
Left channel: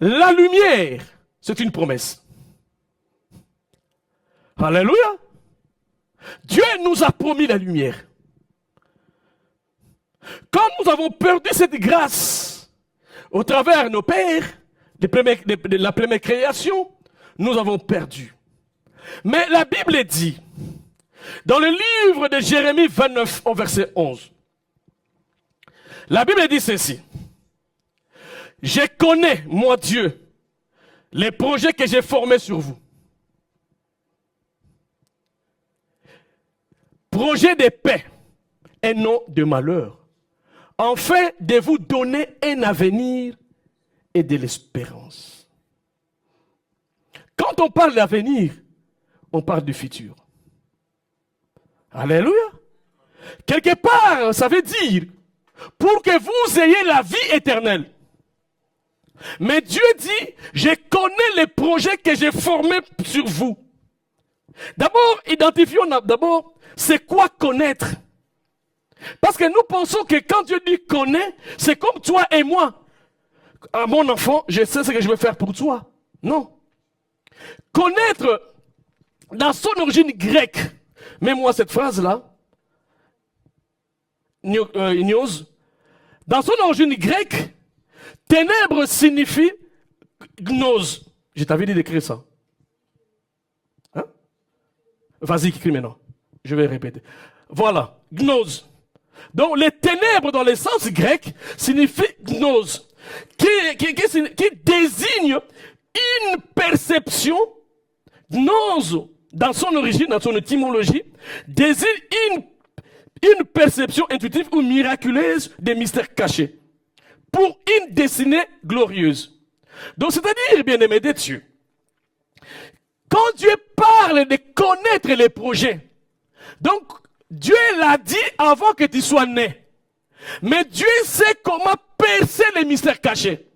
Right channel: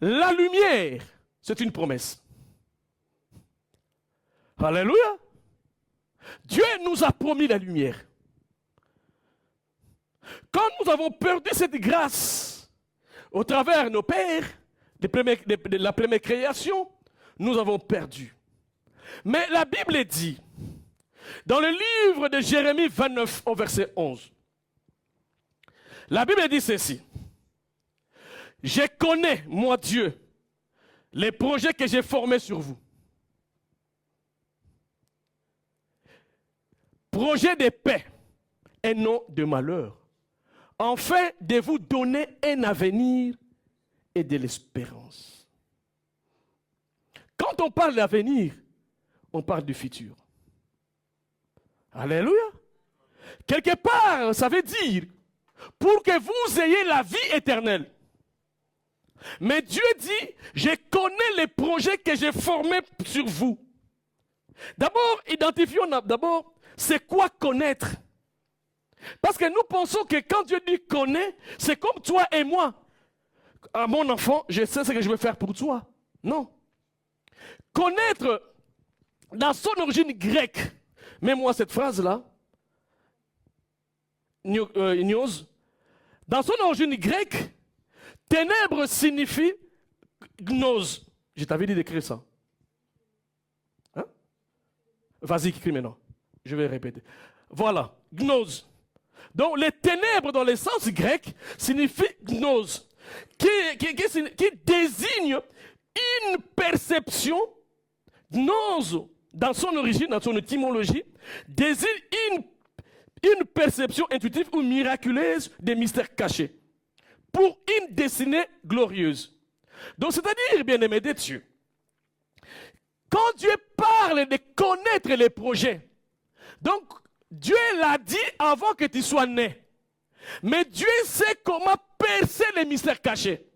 la lumière, c'est une promesse. Alléluia. Dieu nous a promis la lumière. Quand nous avons perdu cette grâce au travers de nos pères, de la première création, nous avons perdu. Mais la Bible dit, dans le livre de Jérémie 29, au verset 11, la Bible dit ceci. Je connais, moi Dieu, les projets que j'ai formés sur vous. Projet de paix et non de malheur, afin de vous donner un avenir et de l'espérance. Quand on parle d'avenir, on parle du futur. Alléluia. Quelque part, ça veut dire, pour que vous ayez la vie éternelle. Mais Dieu dit, je connais les projets que j'ai formés sur vous. D'abord, identifions d'abord, c'est quoi connaître? Parce que nous pensons que quand Dieu dit connaît, c'est comme toi et moi. Ah, mon enfant, je sais ce que je vais faire pour toi. Non. Connaître, dans son origine grecque, mets-moi cette phrase-là, News, dans son origine grecque, ténèbres signifie gnose. Je t'avais dit d'écrire ça. Hein? Vas-y, écris maintenant. Je vais répéter. Voilà, gnose. Donc, les ténèbres dans le sens grec signifient gnose, qui désigne une perception. Gnose, dans son origine, dans son étymologie, désigne une perception intuitive ou miraculeuse des mystères cachés pour une destinée glorieuse. Donc, c'est-à-dire, bien-aimé de Dieu, quand Dieu parle de connaître les projets, donc Dieu l'a dit avant que tu sois né. Mais Dieu sait comment percer les mystères cachés.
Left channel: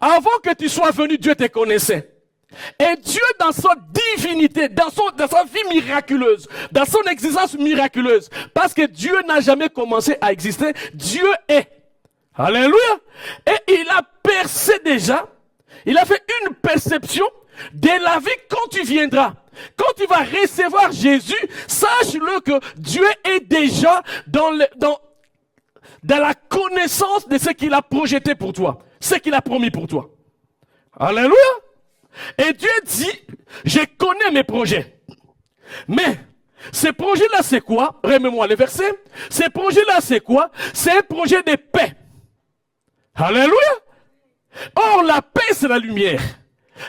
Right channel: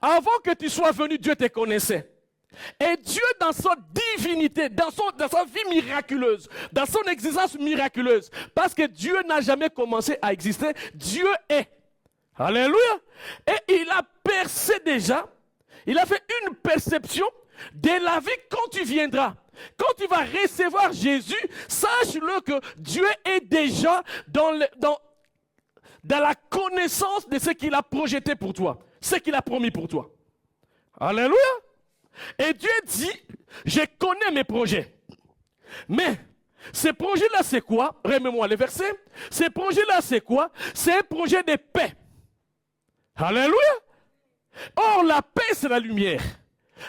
Avant que tu sois venu, Dieu te connaissait. Et Dieu, dans sa divinité, dans sa vie miraculeuse, dans son existence miraculeuse, parce que Dieu n'a jamais commencé à exister, Dieu est. Alléluia. Et il a percé déjà, il a fait une perception de la vie quand tu viendras. Quand tu vas recevoir Jésus, sache-le que Dieu est déjà dans la connaissance de ce qu'il a projeté pour toi, ce qu'il a promis pour toi. Alléluia. Et Dieu dit, je connais mes projets. Mais ces projets-là, c'est quoi? Remets-moi les versets. Ces projets-là, c'est quoi? C'est un projet de paix. Alléluia. Or, la paix, c'est la lumière.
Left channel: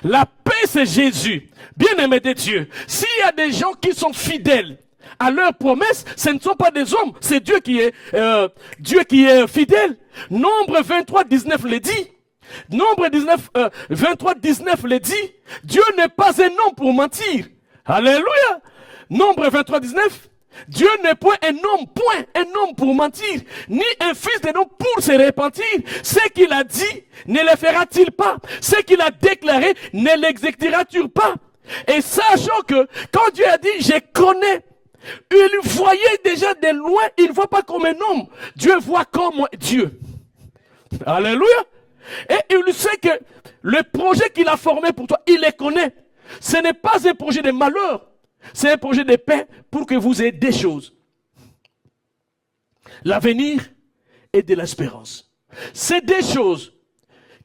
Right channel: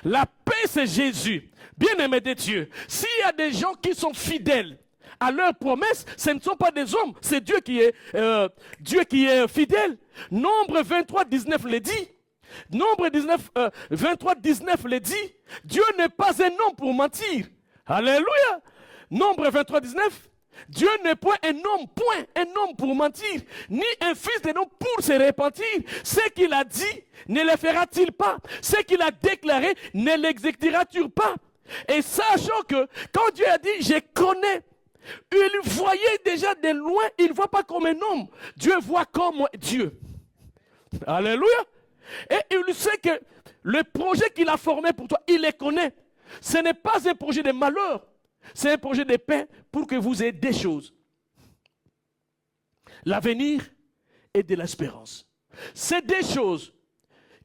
La paix, c'est Jésus. Bien-aimé de Dieu, s'il y a des gens qui sont fidèles à leurs promesses, ce ne sont pas des hommes, c'est Dieu qui est fidèle. Nombre 23, 19 le dit. Nombre 23, 19 le dit. Dieu n'est pas un homme pour mentir. Alléluia. Nombre 23, 19. Dieu n'est point un homme pour mentir, ni un fils de l'homme pour se repentir. Ce qu'il a dit, ne le fera-t-il pas? Ce qu'il a déclaré, ne l'exécutera-t-il pas? Et sachant que, quand Dieu a dit, je connais, il voyait déjà de loin, il ne voit pas comme un homme. Dieu voit comme Dieu. Alléluia. Et il sait que le projet qu'il a formé pour toi, il les connaît. Ce n'est pas un projet de malheur. C'est un projet de paix pour que vous ayez des choses. L'avenir et de l'espérance. C'est des choses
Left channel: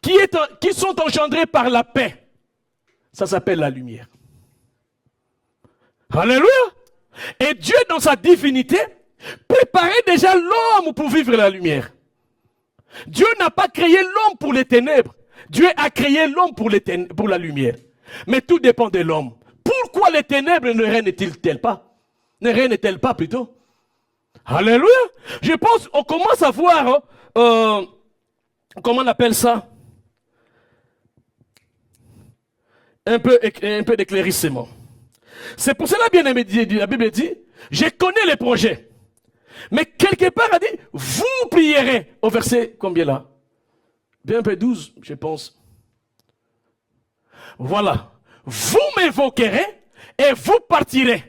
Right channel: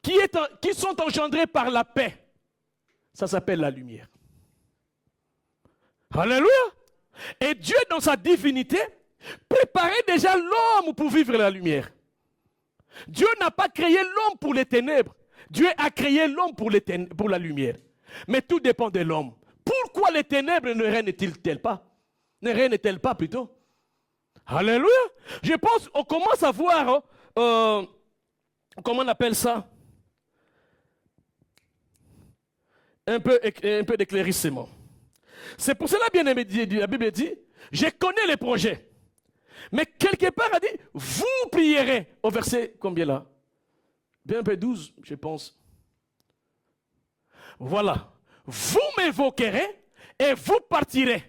qui sont engendrées par la paix. Ça s'appelle la lumière. Alléluia. Et Dieu, dans sa divinité, préparait déjà l'homme pour vivre la lumière. Dieu n'a pas créé l'homme pour les ténèbres. Dieu a créé l'homme pour la lumière. Mais tout dépend de l'homme. Pourquoi les ténèbres ne règnent-elles pas? Ne règnent-elles pas plutôt? Alléluia. Je pense qu'on commence à voir, comment on appelle ça? Un peu d'éclaircissement. C'est pour cela, bien aimé, la Bible dit, je connais les projets. Mais quelque part, elle dit, vous prierez. Au verset, combien là? Bien un peu 12, je pense. Voilà. Vous m'invoquerez et vous partirez.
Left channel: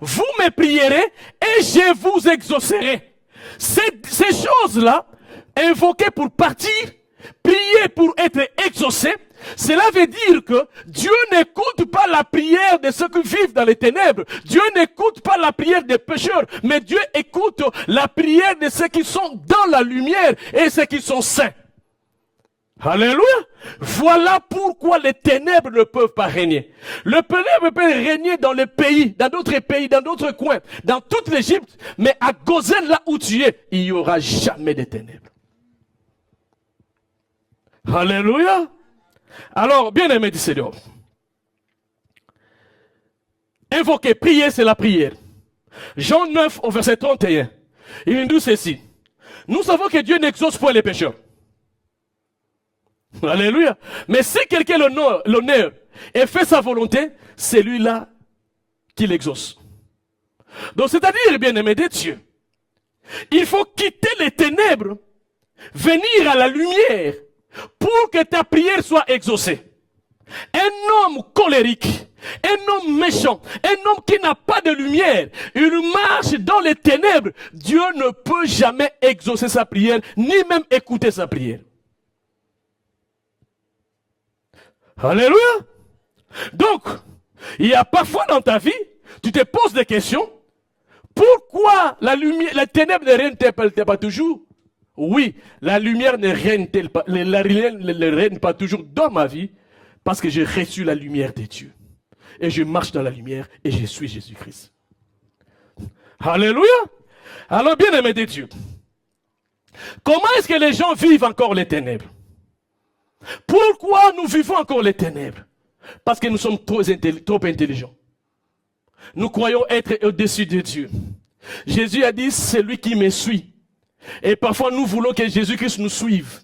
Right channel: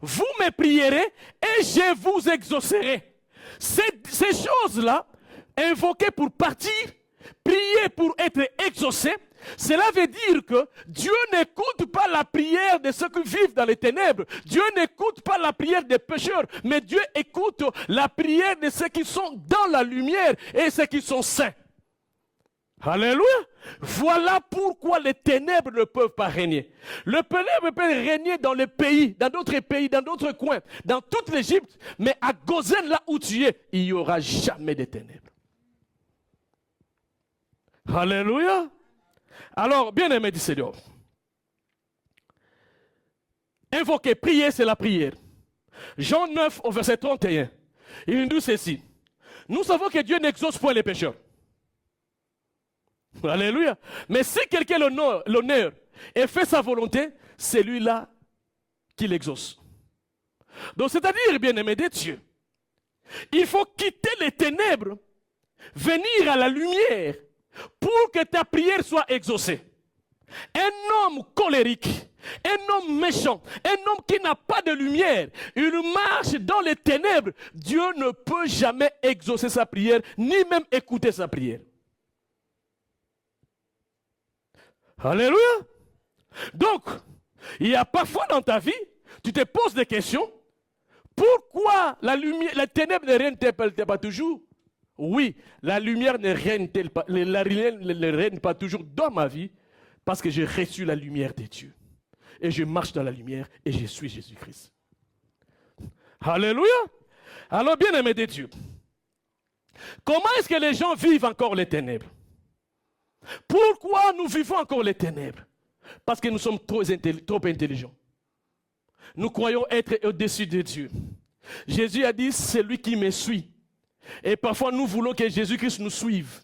Vous me prierez et je vous exaucerai. Ces choses-là, invoquer pour partir, prier pour être exaucé, cela veut dire que Dieu n'écoute pas la prière de ceux qui vivent dans les ténèbres. Dieu n'écoute pas la prière des pécheurs, mais Dieu écoute la prière de ceux qui sont dans la lumière et ceux qui sont saints. Alléluia. Voilà pourquoi les ténèbres ne peuvent pas régner. Le ténèbre peut régner dans les pays, dans d'autres coins, dans toute l'Égypte, mais à Gozen, là où tu es, il n'y aura jamais de ténèbres. Alléluia. Alors, bien aimé du Seigneur, invoquer, prier, c'est la prière. Jean 9 au verset 31, il nous dit ceci. Nous savons que Dieu n'exauce pas les pécheurs. Alléluia. Mais si quelqu'un l'honneur et fait sa volonté, c'est lui-là qui l'exauce. Donc, c'est-à-dire, bien-aimé de Dieu, il faut quitter les ténèbres, venir à la lumière pour que ta prière soit exaucée. Un homme colérique, un homme méchant, un homme qui n'a pas de lumière, il marche dans les ténèbres. Dieu ne peut jamais exaucer sa prière, ni même écouter sa prière. Alléluia. Donc, il y a parfois dans ta vie, tu te poses des questions. Pourquoi la lumière, la ténèbre ne règne-t-elle pas toujours? Oui, la lumière ne règne-t-elle pas, la lumière ne règne pas toujours dans ma vie, parce que j'ai reçu la lumière de Dieu. Et je marche dans la lumière et je suis Jésus-Christ. Alléluia. Alors, bien aimé de Dieu, comment est-ce que les gens vivent encore les ténèbres? Pourquoi nous vivons encore les ténèbres? Parce que nous sommes trop intelligents. Nous croyons être au-dessus de Dieu. Jésus a dit, c'est lui qui me suit. Et parfois nous voulons que Jésus-Christ nous suive.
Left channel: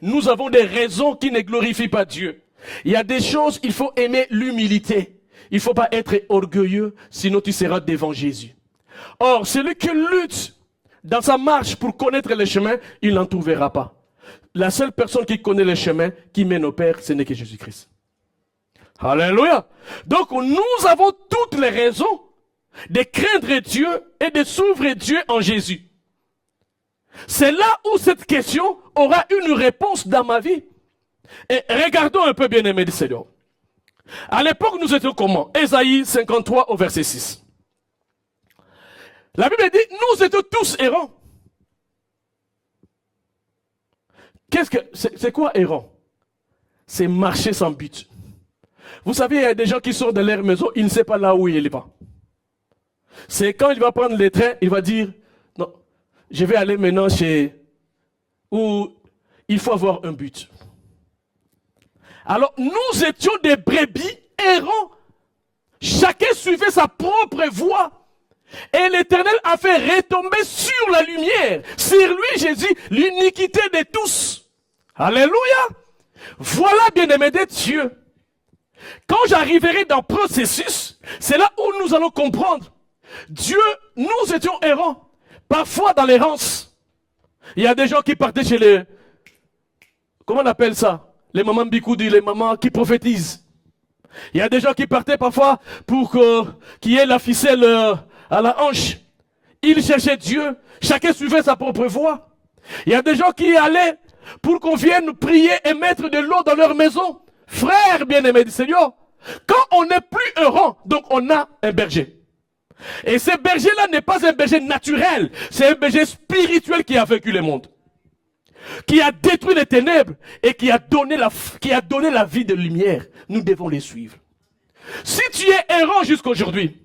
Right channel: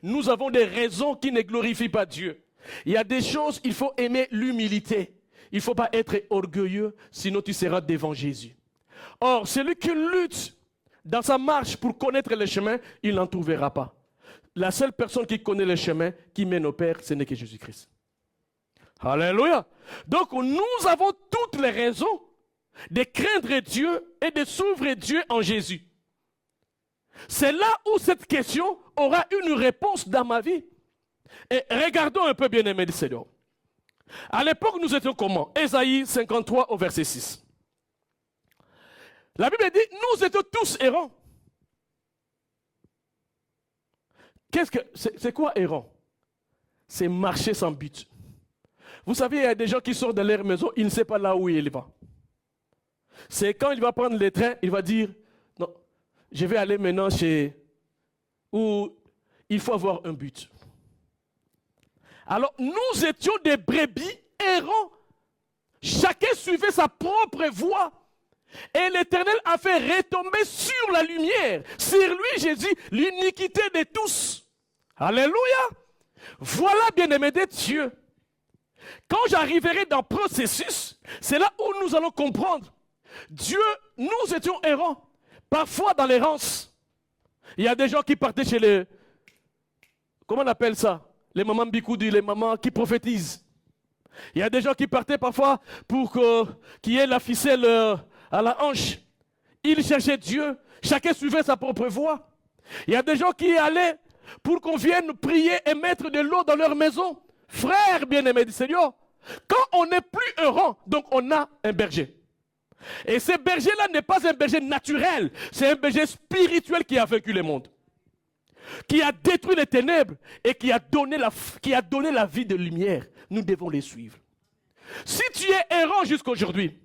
Nous avons des raisons qui ne glorifient pas Dieu. Il y a des choses, il faut aimer l'humilité. Il ne faut pas être orgueilleux, sinon tu seras devant Jésus. Or, celui qui lutte dans sa marche pour connaître le chemin, il n'en trouvera pas. La seule personne qui connaît le chemin, qui mène au Père, ce n'est que Jésus-Christ. Alléluia. Donc nous avons toutes les raisons de craindre Dieu et de s'ouvrir Dieu en Jésus. C'est là où cette question aura une réponse dans ma vie. Et regardons un peu, bien-aimé du Seigneur. À l'époque, nous étions comment? Ésaïe 53 au verset 6. La Bible dit, nous étions tous errants. C'est quoi errant? C'est marcher sans but. Vous savez, il y a des gens qui sortent de leur maison, ils ne savent pas là où ils vont. C'est quand il va prendre les trains, il va dire, non, je vais aller maintenant chez où il faut avoir un but. Alors, nous étions des brebis errants. Chacun suivait sa propre voie. Et l'Éternel a fait retomber sur la lumière, sur lui, Jésus, l'iniquité de tous. Alléluia. Voilà, bien-aimés de Dieu. Quand j'arriverai dans le processus, c'est là où nous allons comprendre. Dieu, nous étions errants. Parfois dans l'errance, il y a des gens qui partaient chez les... Comment on appelle ça? Les mamans bicoudi, les mamans qui prophétisent. Il y a des gens qui partaient parfois pour qu'il y ait la ficelle à la hanche. Ils cherchaient Dieu. Chacun suivait sa propre voie. Il y a des gens qui allaient pour qu'on vienne prier et mettre de l'eau dans leur maison. Frères bien-aimés du Seigneur, quand on n'est plus errant, donc on a un berger. Et ce berger-là n'est pas un berger naturel, c'est un berger spirituel qui a vaincu le monde, qui a détruit les ténèbres et qui a donné la vie de lumière. Nous devons les suivre. Si tu es errant jusqu'aujourd'hui,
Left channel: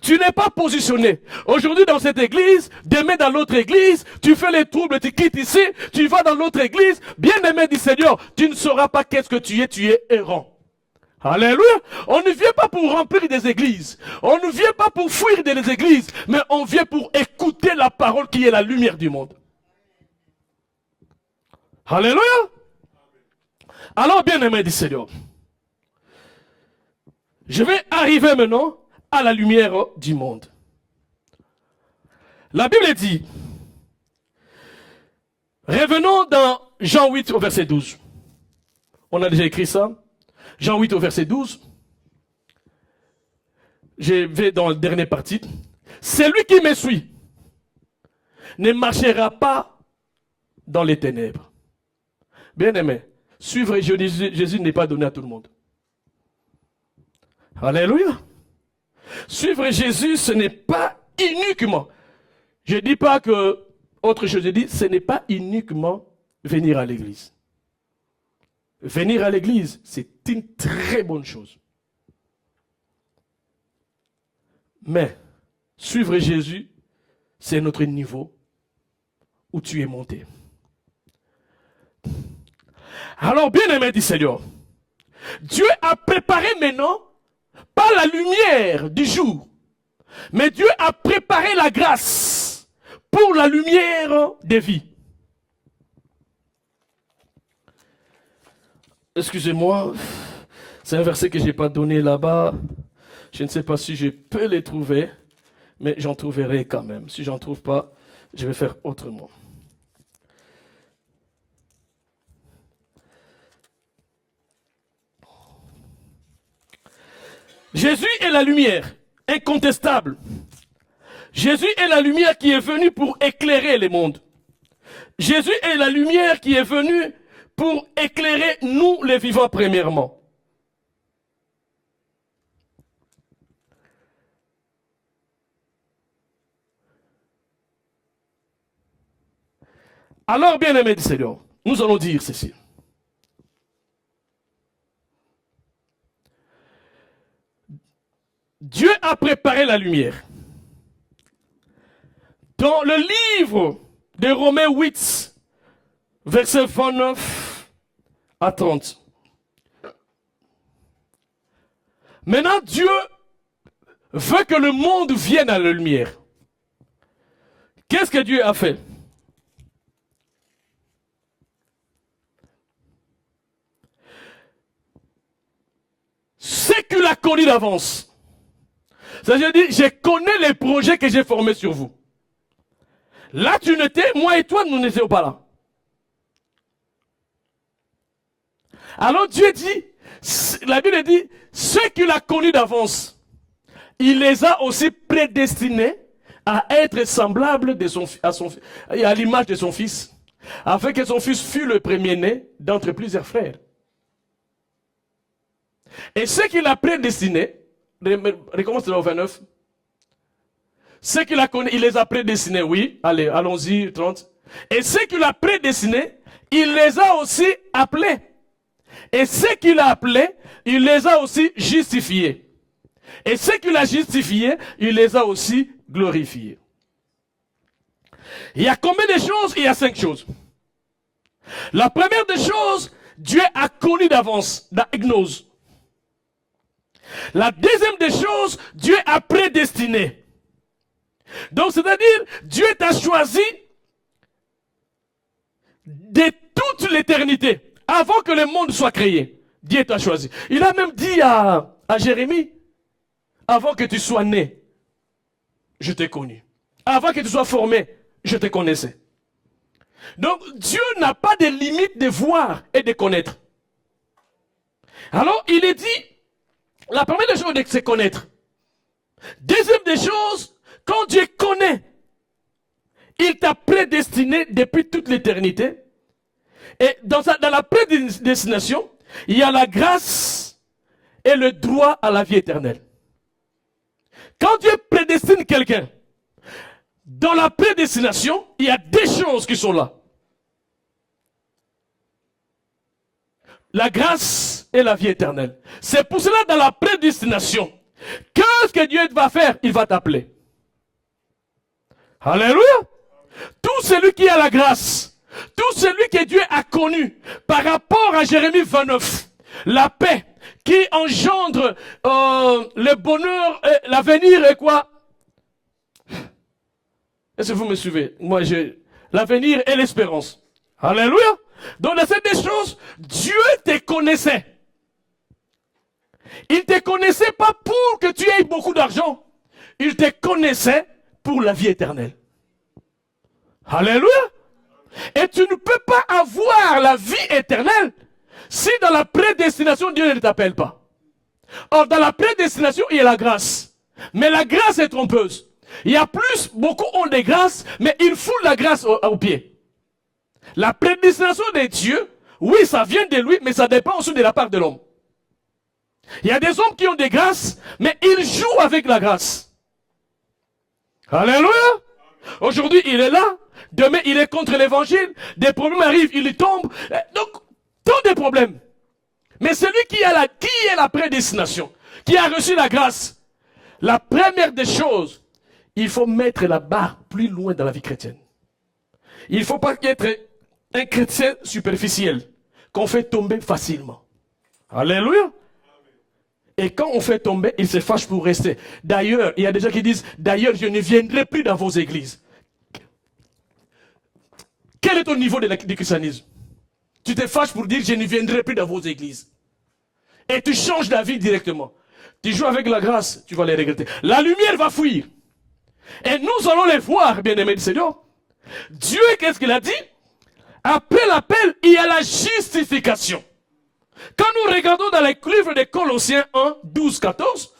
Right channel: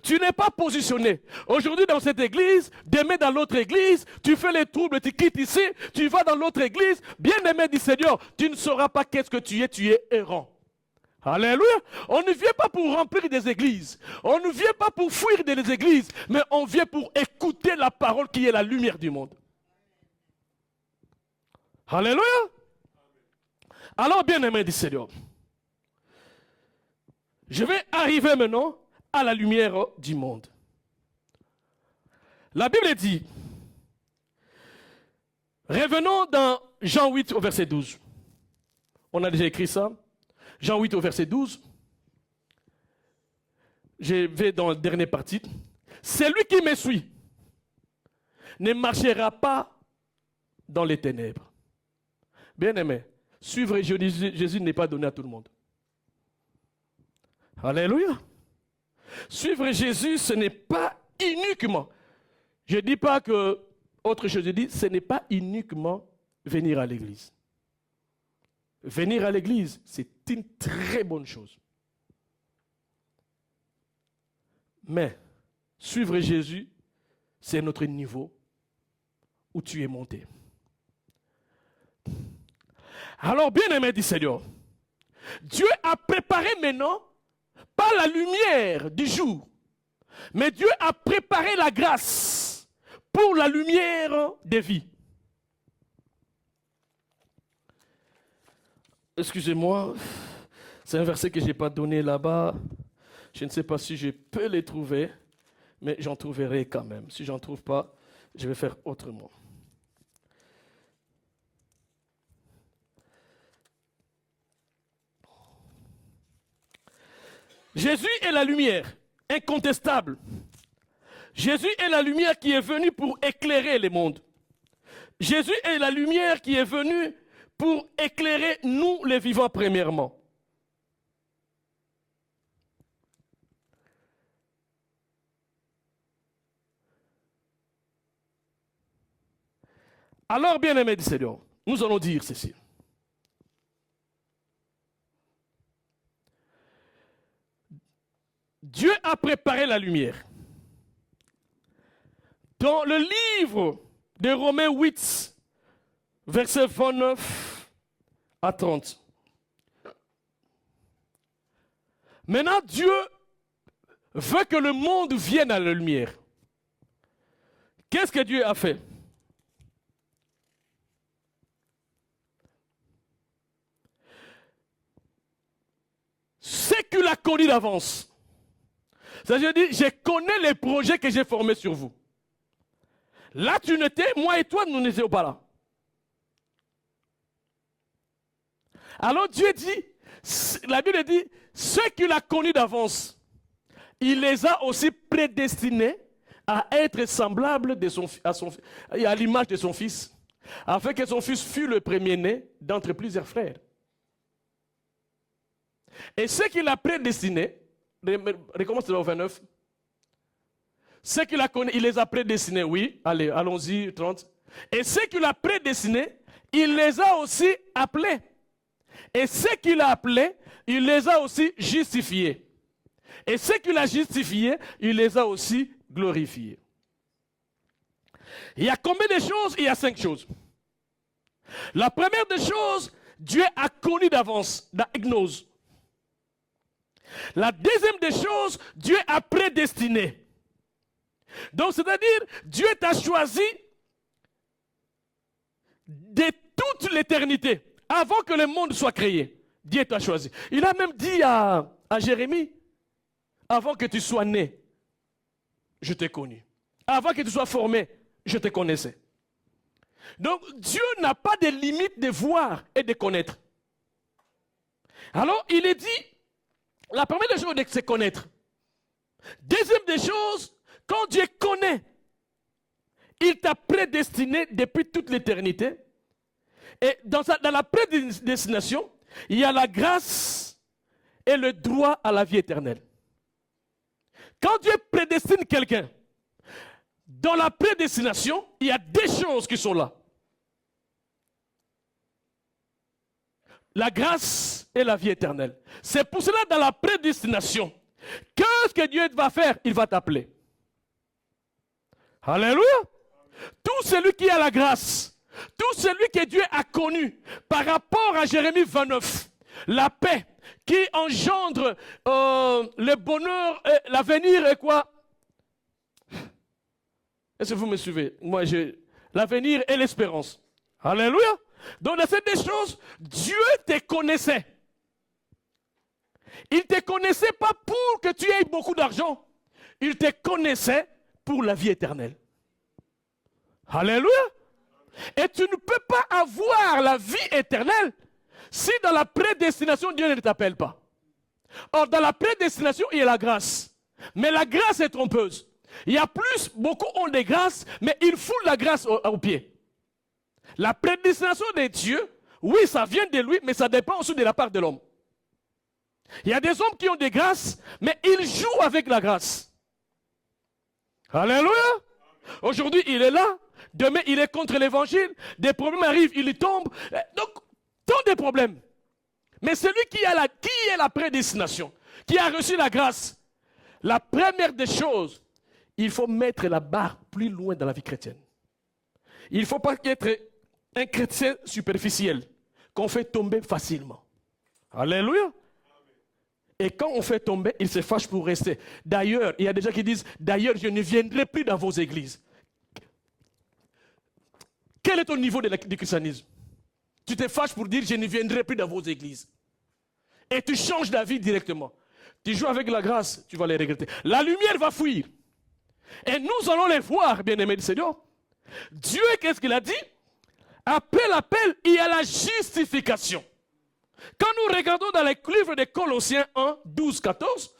tu n'es pas positionné. Aujourd'hui dans cette église, demain dans l'autre église, tu fais les troubles, tu quittes ici, tu vas dans l'autre église. Bien-aimé du Seigneur, tu ne sauras pas qu'est-ce que tu es errant. Alléluia. On ne vient pas pour remplir des églises. On ne vient pas pour fuir des églises, mais on vient pour écouter la parole qui est la lumière du monde. Alléluia. Alors, bien-aimé du Seigneur, je vais arriver maintenant à la lumière du monde. La Bible dit, revenons dans Jean 8 au verset 12. On a déjà écrit ça. Jean 8 au verset 12. Je vais dans la dernière partie. Celui qui me suit ne marchera pas dans les ténèbres. Bien aimé, suivre Jésus n'est pas donné à tout le monde. Alléluia. Suivre Jésus, ce n'est pas uniquement. Je ne dis pas que autre chose, je dis, ce n'est pas uniquement venir à l'église. Venir à l'église, c'est une très bonne chose. Mais suivre Jésus, c'est notre niveau où tu es monté. Alors, bien-aimé du Seigneur, Dieu a préparé maintenant, pas la lumière du jour, mais Dieu a préparé la grâce pour la lumière des vies. Excusez-moi, c'est un verset que je n'ai pas donné là-bas. Je ne sais pas si je peux les trouver, mais j'en trouverai quand même. Si je n'en trouve pas, je vais faire autrement. Jésus est la lumière, incontestable. Jésus est la lumière qui est venue pour éclairer les mondes. Jésus est la lumière qui est venue pour éclairer nous les vivants premièrement. Alors, bien-aimés du Seigneur, nous allons dire ceci. Dieu a préparé la lumière. Dans le livre de Romains 8, verset 29 à 30. Maintenant, Dieu veut que le monde vienne à la lumière. Qu'est-ce que Dieu a fait? Ce qu'il a connu d'avance. C'est-à-dire, je connais les projets que j'ai formés sur vous. Là, tu n'étais, moi et toi, nous n'étions pas là. Alors Dieu dit, la Bible dit, ceux qu'il a connus d'avance, il les a aussi prédestinés à être semblables à l'image de son fils, afin que son fils fût le premier-né d'entre plusieurs frères. Et ce qu'il a prédestiné, recommence au 29. Ce qu'il a connu, il les a prédestinés, oui. Allez, allons-y, 30. Et ce qu'il a prédestinés, il les a aussi appelés. Et ce qu'il a appelés, il les a aussi justifiés. Et ce qu'il a justifiés, il les a aussi glorifiés. Il y a combien de choses? Il y a 5 choses. La première des choses, Dieu a connu d'avance, dans gnose. La deuxième des choses, Dieu a prédestiné. Donc, c'est-à-dire, Dieu t'a choisi de toute l'éternité, avant que le monde soit créé. Dieu t'a choisi. Il a même dit à Jérémie, avant que tu sois né, je t'ai connu. Avant que tu sois formé, je te connaissais. Donc, Dieu n'a pas de limite de voir et de connaître. Alors, il est dit, la première des choses, c'est connaître. Deuxième des choses, quand Dieu connaît, il t'a prédestiné depuis toute l'éternité. Et dans la prédestination, il y a la grâce et le droit à la vie éternelle. Quand Dieu prédestine quelqu'un, dans la prédestination, il y a des choses qui sont là. La grâce et la vie éternelle. C'est pour cela, dans la prédestination, qu'est-ce que Dieu va faire? Il va t'appeler. Alléluia. Tout celui qui a la grâce, tout celui que Dieu a connu, par rapport à Jérémie 29, la paix qui engendre le bonheur, l'avenir et quoi? Est-ce que vous me suivez? Moi, j'ai l'avenir et l'espérance. Alléluia. Donc, dans ces deux choses, Dieu te connaissait. Il ne te connaissait pas pour que tu aies beaucoup d'argent. Il te connaissait pour la vie éternelle. Alléluia. Et tu ne peux pas avoir la vie éternelle si dans la prédestination, Dieu ne t'appelle pas. Or, dans la prédestination, il y a la grâce. Mais la grâce est trompeuse. Il y a beaucoup ont des grâces, mais ils foulent la grâce au pied. La prédestination de Dieu, oui, ça vient de lui, mais ça dépend aussi de la part de l'homme. Il y a des hommes qui ont des grâces, mais ils jouent avec la grâce. Alléluia. Aujourd'hui, il est là. Demain, il est contre l'évangile. Des problèmes arrivent, il y tombe. Donc, tant de problèmes. Mais celui qui est la prédestination, qui a reçu la grâce, la première des choses, il faut mettre la barre plus loin dans la vie chrétienne. Il ne faut pas être un chrétien superficiel, qu'on fait tomber facilement. Alléluia. Et quand on fait tomber, il se fâche pour rester. D'ailleurs, il y a des gens qui disent, d'ailleurs, je ne viendrai plus dans vos églises. Quel est ton niveau du christianisme? Tu te fâches pour dire, je ne viendrai plus dans vos églises. Et tu changes d'avis directement. Tu joues avec la grâce, tu vas les regretter. La lumière va fuir. Et nous allons les voir, bien-aimés du Seigneur. Dieu, qu'est-ce qu'il a dit? Après l'appel, il y a la justification. Quand nous regardons dans les livres de Colossiens 1, 12, 14,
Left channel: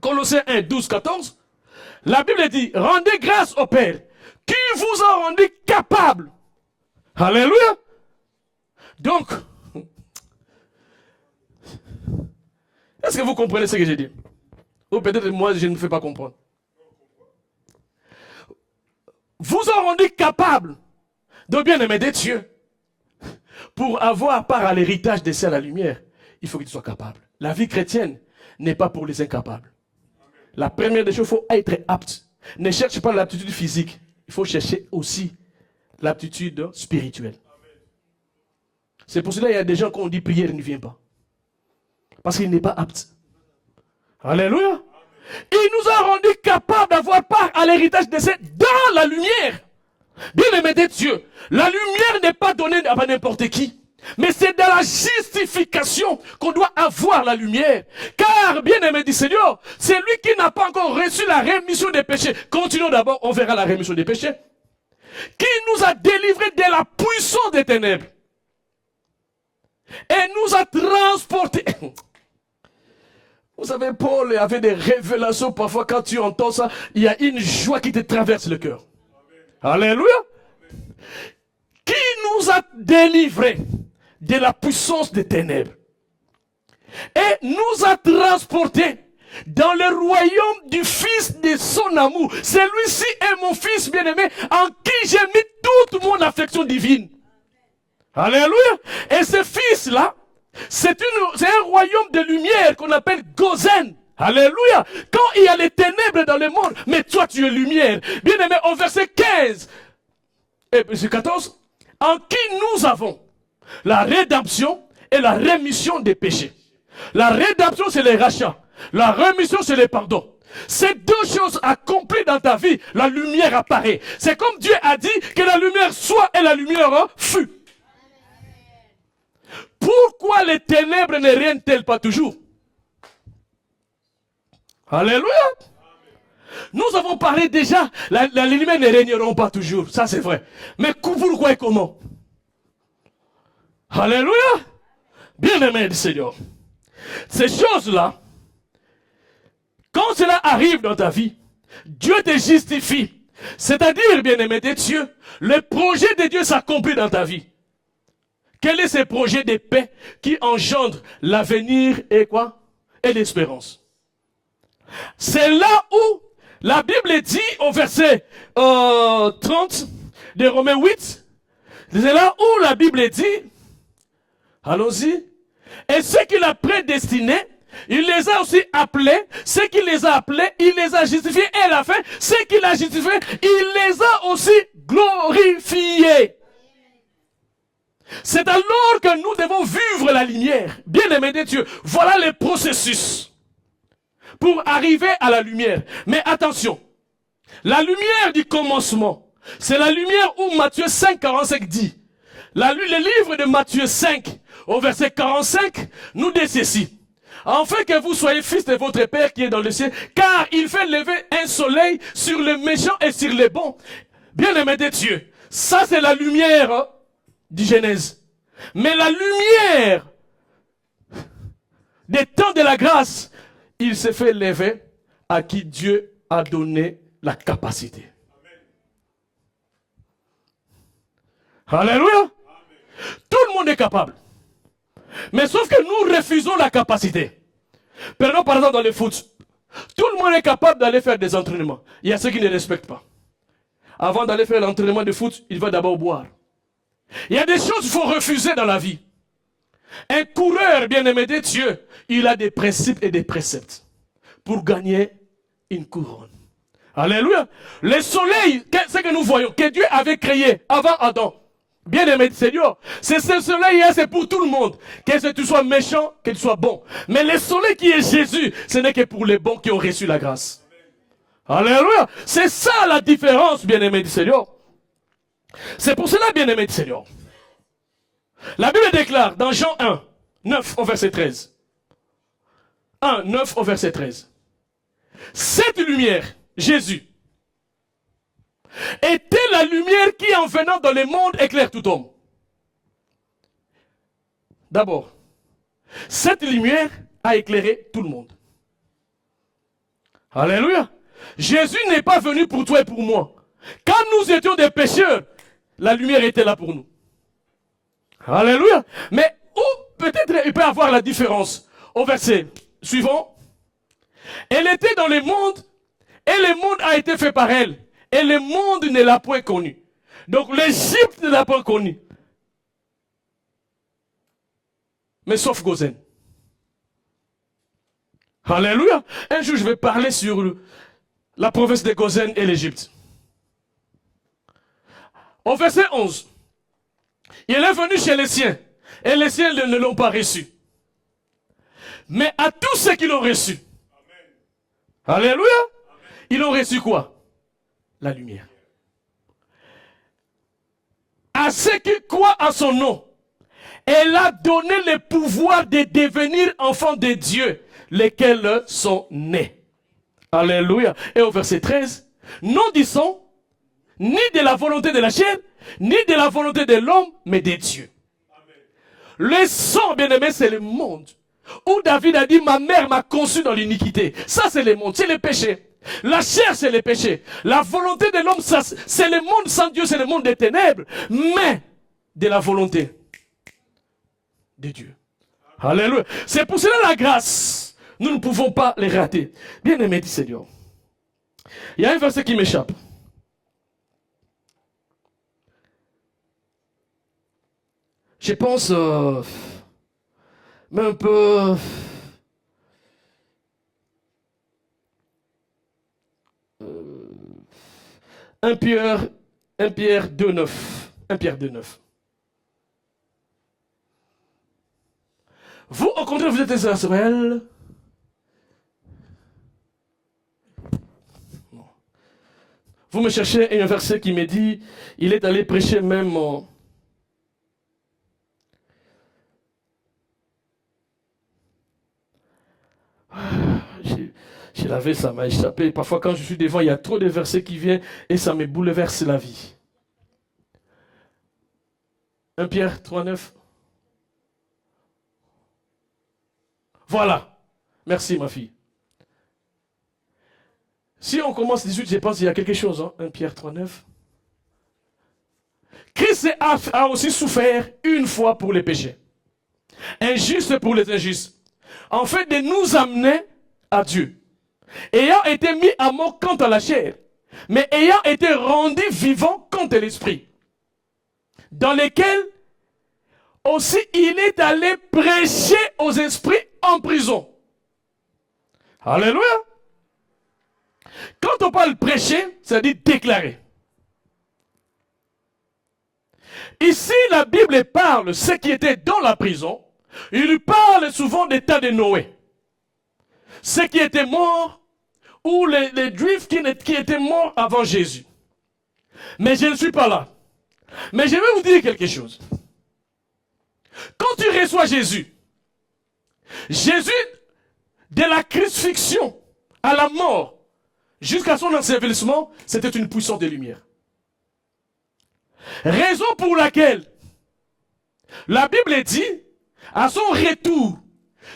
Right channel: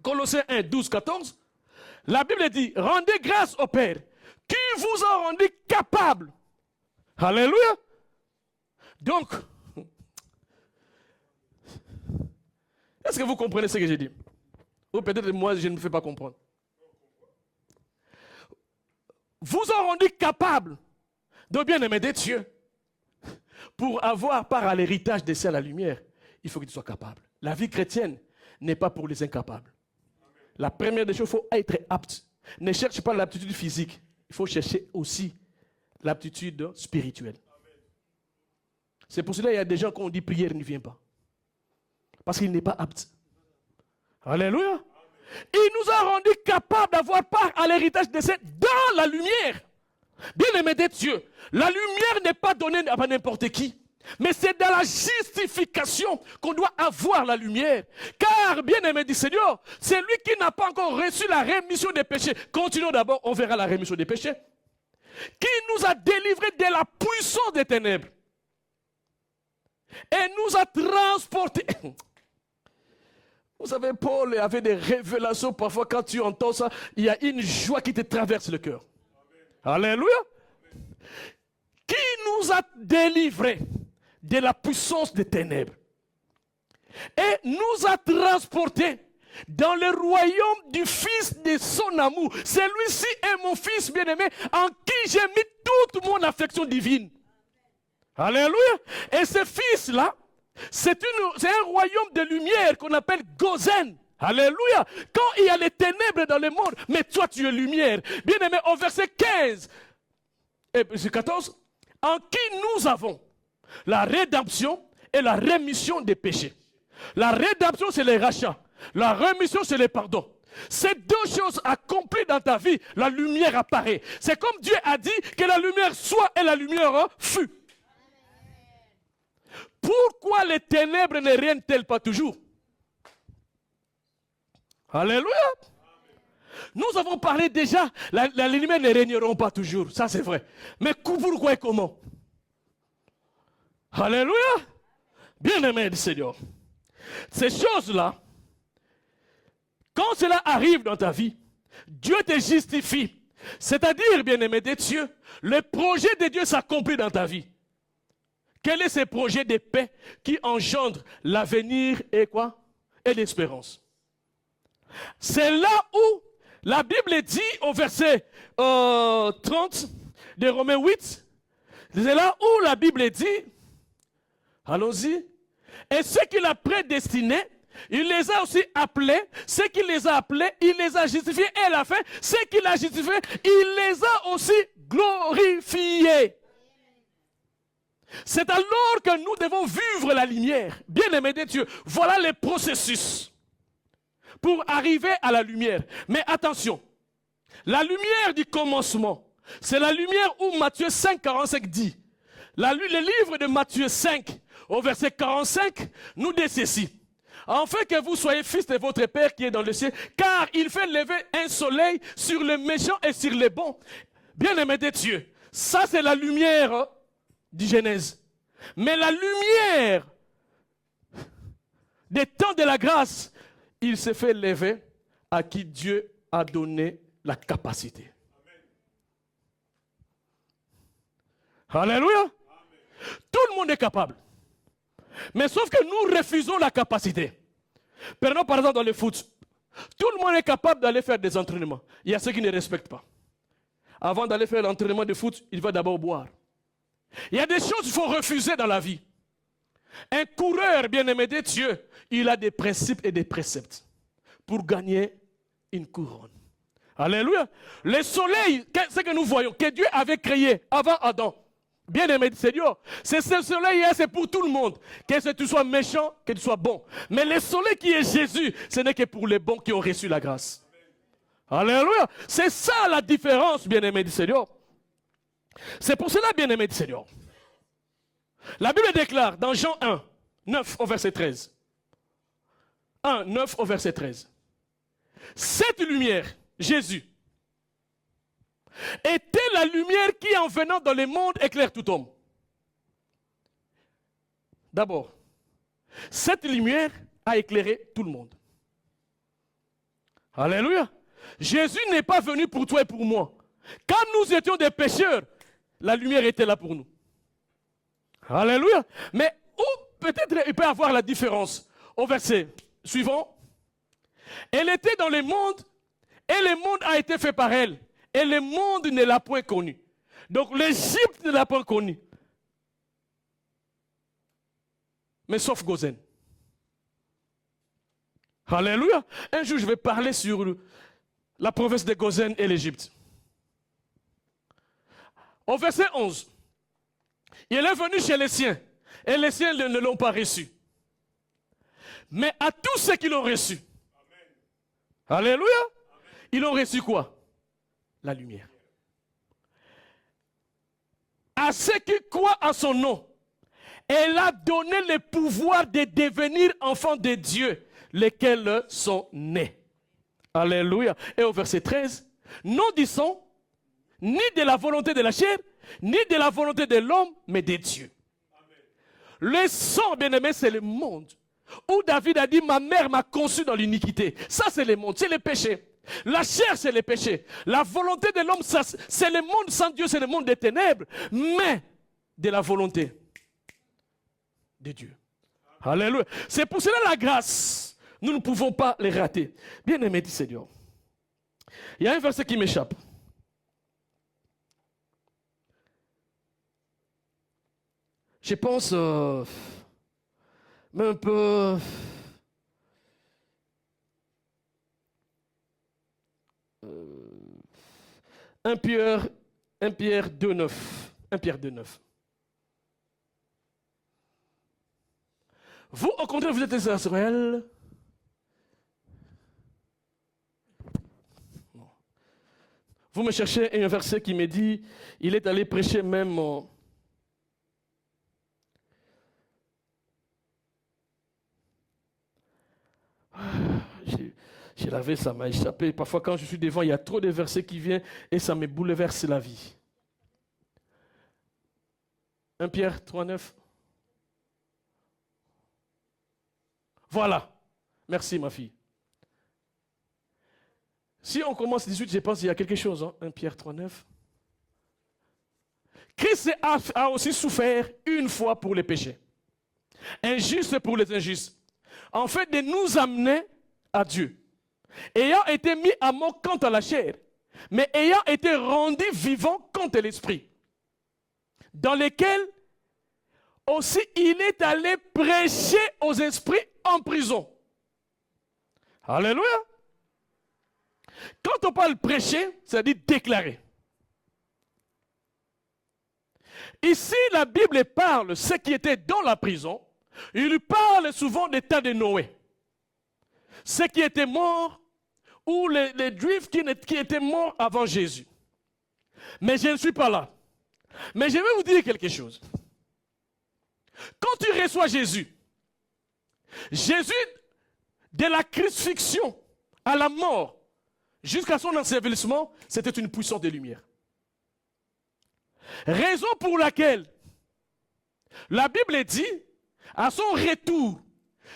Colossiens 1, 12, 14, la Bible dit, rendez grâce au Père, qui vous a rendu capable. Alléluia. Donc, est-ce que vous comprenez ce que j'ai dit? Ou peut-être moi, je ne me fais pas comprendre. Vous a rendu capable de bien aimer des dieux. Pour avoir part à l'héritage des cieux à la lumière, il faut que tu sois capable. La vie chrétienne n'est pas pour les incapables. La première des choses, il faut être apte. Ne cherche pas l'aptitude physique. Il faut chercher aussi l'aptitude spirituelle. C'est pour cela qu'il y a des gens qui ont dit prière ne vient pas. Parce qu'il n'est pas apte. Alléluia. Il nous a rendu capables d'avoir part à l'héritage des cieux dans la lumière. Bien-aimé de Dieu, la lumière n'est pas donnée à n'importe qui. Mais c'est dans la justification qu'on doit avoir la lumière. Car, bien-aimé du Seigneur, c'est lui qui n'a pas encore reçu la rémission des péchés. Continuons d'abord, on verra la rémission des péchés. Qui nous a délivrés de la puissance des ténèbres. Et nous a transportés. Vous savez, Paul avait des révélations. Parfois, quand tu entends ça, il y a une joie qui te traverse le cœur. Alléluia. Qui nous a délivrés de la puissance des ténèbres et nous a transportés dans le royaume du Fils de son amour. Celui-ci est mon Fils bien-aimé en qui j'ai mis toute mon affection divine. Alléluia. Et ce Fils-là, c'est un royaume de lumière qu'on appelle Gozen. Alléluia. Quand il y a les ténèbres dans le monde, mais toi tu es lumière. Bien-aimé, au verset 15 et verset 14, en qui nous avons la rédemption et la rémission des péchés. La rédemption, c'est les rachats. La rémission, c'est les pardons. Ces deux choses accomplies dans ta vie, la lumière apparaît. C'est comme Dieu a dit que la lumière soit et la lumière fut. Pourquoi les ténèbres ne règnent-elles pas toujours? Alléluia. Nous avons parlé déjà, les lumières ne régneront pas toujours, ça c'est vrai. Mais pourquoi et comment? Alléluia. Bien-aimé du Seigneur. Ces choses-là, quand cela arrive dans ta vie, Dieu te justifie. C'est-à-dire, bien-aimé de Dieu, le projet de Dieu s'accomplit dans ta vie. Quel est ce projet de paix qui engendre l'avenir et quoi? Et l'espérance. C'est là où la Bible dit au verset 30 de Romains 8, c'est là où la Bible dit, allons-y, et ceux qu'il a prédestinés, il les a aussi appelés, ceux qu'il les a appelés, il les a justifiés, et à la fin, ceux qu'il a justifiés, il les a aussi glorifiés. C'est alors que nous devons vivre la lumière. Bien-aimés de Dieu, voilà le processus pour arriver à la lumière. Mais attention, la lumière du commencement, c'est la lumière où Matthieu 5, 45 dit. Le livre de Matthieu 5, au verset 45, nous dit ceci. Afin que vous soyez fils de votre Père qui est dans le ciel, car il fait lever un soleil sur les méchants et sur les bons. Bien-aimés de Dieu, ça c'est la lumière du Genèse. Mais la lumière des temps de la grâce, il s'est fait lever à qui Dieu a donné la capacité. Amen. Alléluia. Tout le monde est capable. Mais sauf que nous refusons la capacité. Prenons par exemple dans le foot. Tout le monde est capable d'aller faire des entraînements. Il y a ceux qui ne respectent pas. Avant d'aller faire l'entraînement de foot, il va d'abord boire. Il y a des choses qu'il faut refuser dans la vie. Un coureur bien-aimé de Dieu, il a des principes et des préceptes pour gagner une couronne. Alléluia. Le soleil, c'est ce que nous voyons, que Dieu avait créé avant Adam. Bien-aimé de Seigneur, c'est ce soleil-là, c'est pour tout le monde. Que tu sois méchant, que tu sois bon. Mais le soleil qui est Jésus, ce n'est que pour les bons qui ont reçu la grâce. Alléluia. C'est ça la différence, bien-aimé du Seigneur. C'est pour cela, bien-aimé du Seigneur. La Bible déclare dans Jean 1, 9 au verset 13. 1, 9 au verset 13. Cette lumière, Jésus, était la lumière qui, en venant dans le monde, éclaire tout homme. D'abord, cette lumière a éclairé tout le monde. Alléluia. Jésus n'est pas venu pour toi et pour moi. Quand nous étions des pécheurs, la lumière était là pour nous. Alléluia. Mais où peut-être il peut y avoir la différence? Au verset suivant. Elle était dans le monde et le monde a été fait par elle. Et le monde ne l'a point connu. Donc l'Égypte ne l'a pas connu. Mais sauf Gozen. Alléluia. Un jour, je vais parler sur la province de Gozen et l'Égypte. Au verset 11. Il est venu chez les siens. Et les siens ne l'ont pas reçu. Mais à tous ceux qui l'ont reçu. Amen. Alléluia. Amen. Ils ont reçu quoi? La lumière. À ceux qui croient en son nom, elle a donné le pouvoir de devenir enfants de Dieu, lesquels sont nés. Alléluia. Et au verset 13, non disons, ni de la volonté de la chair, ni de la volonté de l'homme, mais de Dieu. Amen. Le sang, bien-aimé, c'est le monde. Où David a dit, ma mère m'a conçu dans l'iniquité. Ça, c'est le monde, c'est le péché. La chair, c'est le péché. La volonté de l'homme, c'est le monde sans Dieu, c'est le monde des ténèbres. Mais de la volonté de Dieu. Alléluia. C'est pour cela la grâce. Nous ne pouvons pas les rater. Bien-aimé du Seigneur. Il y a un verset qui m'échappe. Je pense, mais un peu... 1 Pierre 2,9. 1 Pierre 2,9. Vous, au contraire, vous êtes Israël. Vous me cherchez un verset qui me dit, il est allé prêcher même je l'avais, ça m'a échappé. Parfois, quand je suis devant, il y a trop de versets qui viennent et ça me bouleverse la vie. 1 Pierre 3,9. Voilà. Merci, ma fille. Si on commence 18, je pense qu'il y a quelque chose. 1 Pierre 3,9. Christ a aussi souffert une fois pour les péchés. Injuste pour les injustes. En fait, de nous amener à Dieu. Ayant été mis à mort quant à la chair, mais ayant été rendu vivant quant à l'esprit, dans lesquels aussi il est allé prêcher aux esprits en prison. Alléluia. Quand on parle prêcher, ça dit déclarer. Ici, la Bible parle de ceux qui étaient dans la prison. Il parle souvent des temps de Noé. Ceux qui étaient morts ou les Juifs qui étaient morts avant Jésus. Mais je ne suis pas là. Mais je vais vous dire quelque chose. Quand tu reçois Jésus, Jésus, de la crucifixion à la mort, jusqu'à son ensevelissement, c'était une puissance de lumière. Raison pour laquelle la Bible dit, à son retour,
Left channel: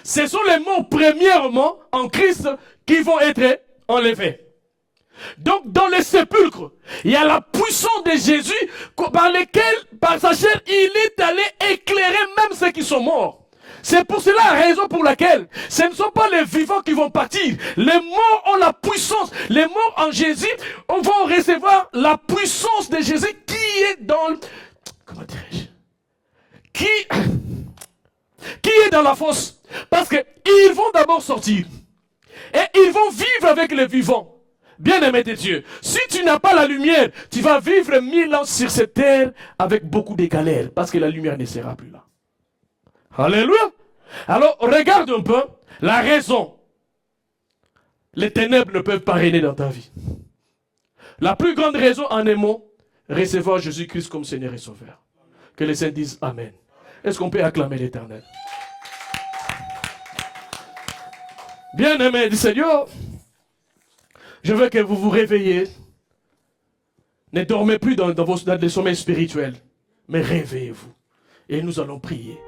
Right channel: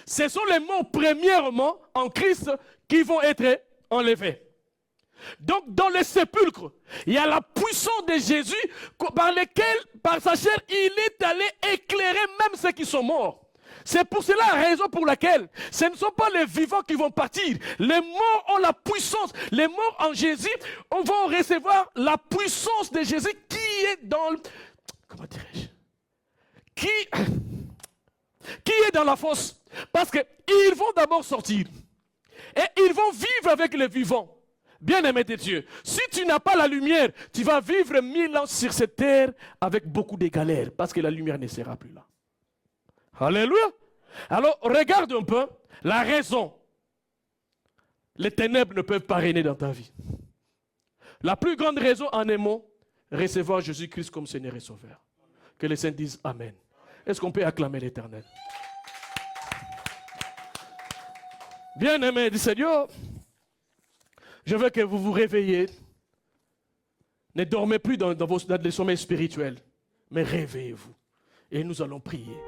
ce sont les morts premièrement en Christ qui vont être enlevés. Donc dans les sépulcres, il y a la puissance de Jésus par laquelle, par sa chair, il est allé éclairer même ceux qui sont morts. C'est pour cela la raison pour laquelle ce ne sont pas les vivants qui vont partir. Les morts ont la puissance. Les morts en Jésus vont recevoir la puissance de Jésus qui est dans... Comment dirais-je? Qui est dans la fosse. Parce qu'ils vont d'abord sortir. Et ils vont vivre avec les vivants. Bien-aimé de Dieu, si tu n'as pas la lumière, tu vas vivre 1000 ans sur cette terre avec beaucoup de galères. Parce que la lumière ne sera plus là. Alléluia. Alors, regarde un peu la raison. Les ténèbres ne peuvent pas régner dans ta vie. La plus grande raison en un mot, recevoir Jésus-Christ comme Seigneur et Sauveur. Que les saints disent Amen. Est-ce qu'on peut acclamer l'Éternel? Bien-aimé du Seigneur, je veux que vous vous réveillez. Ne dormez plus dans vos sommeils spirituels, mais réveillez-vous. Et nous allons prier.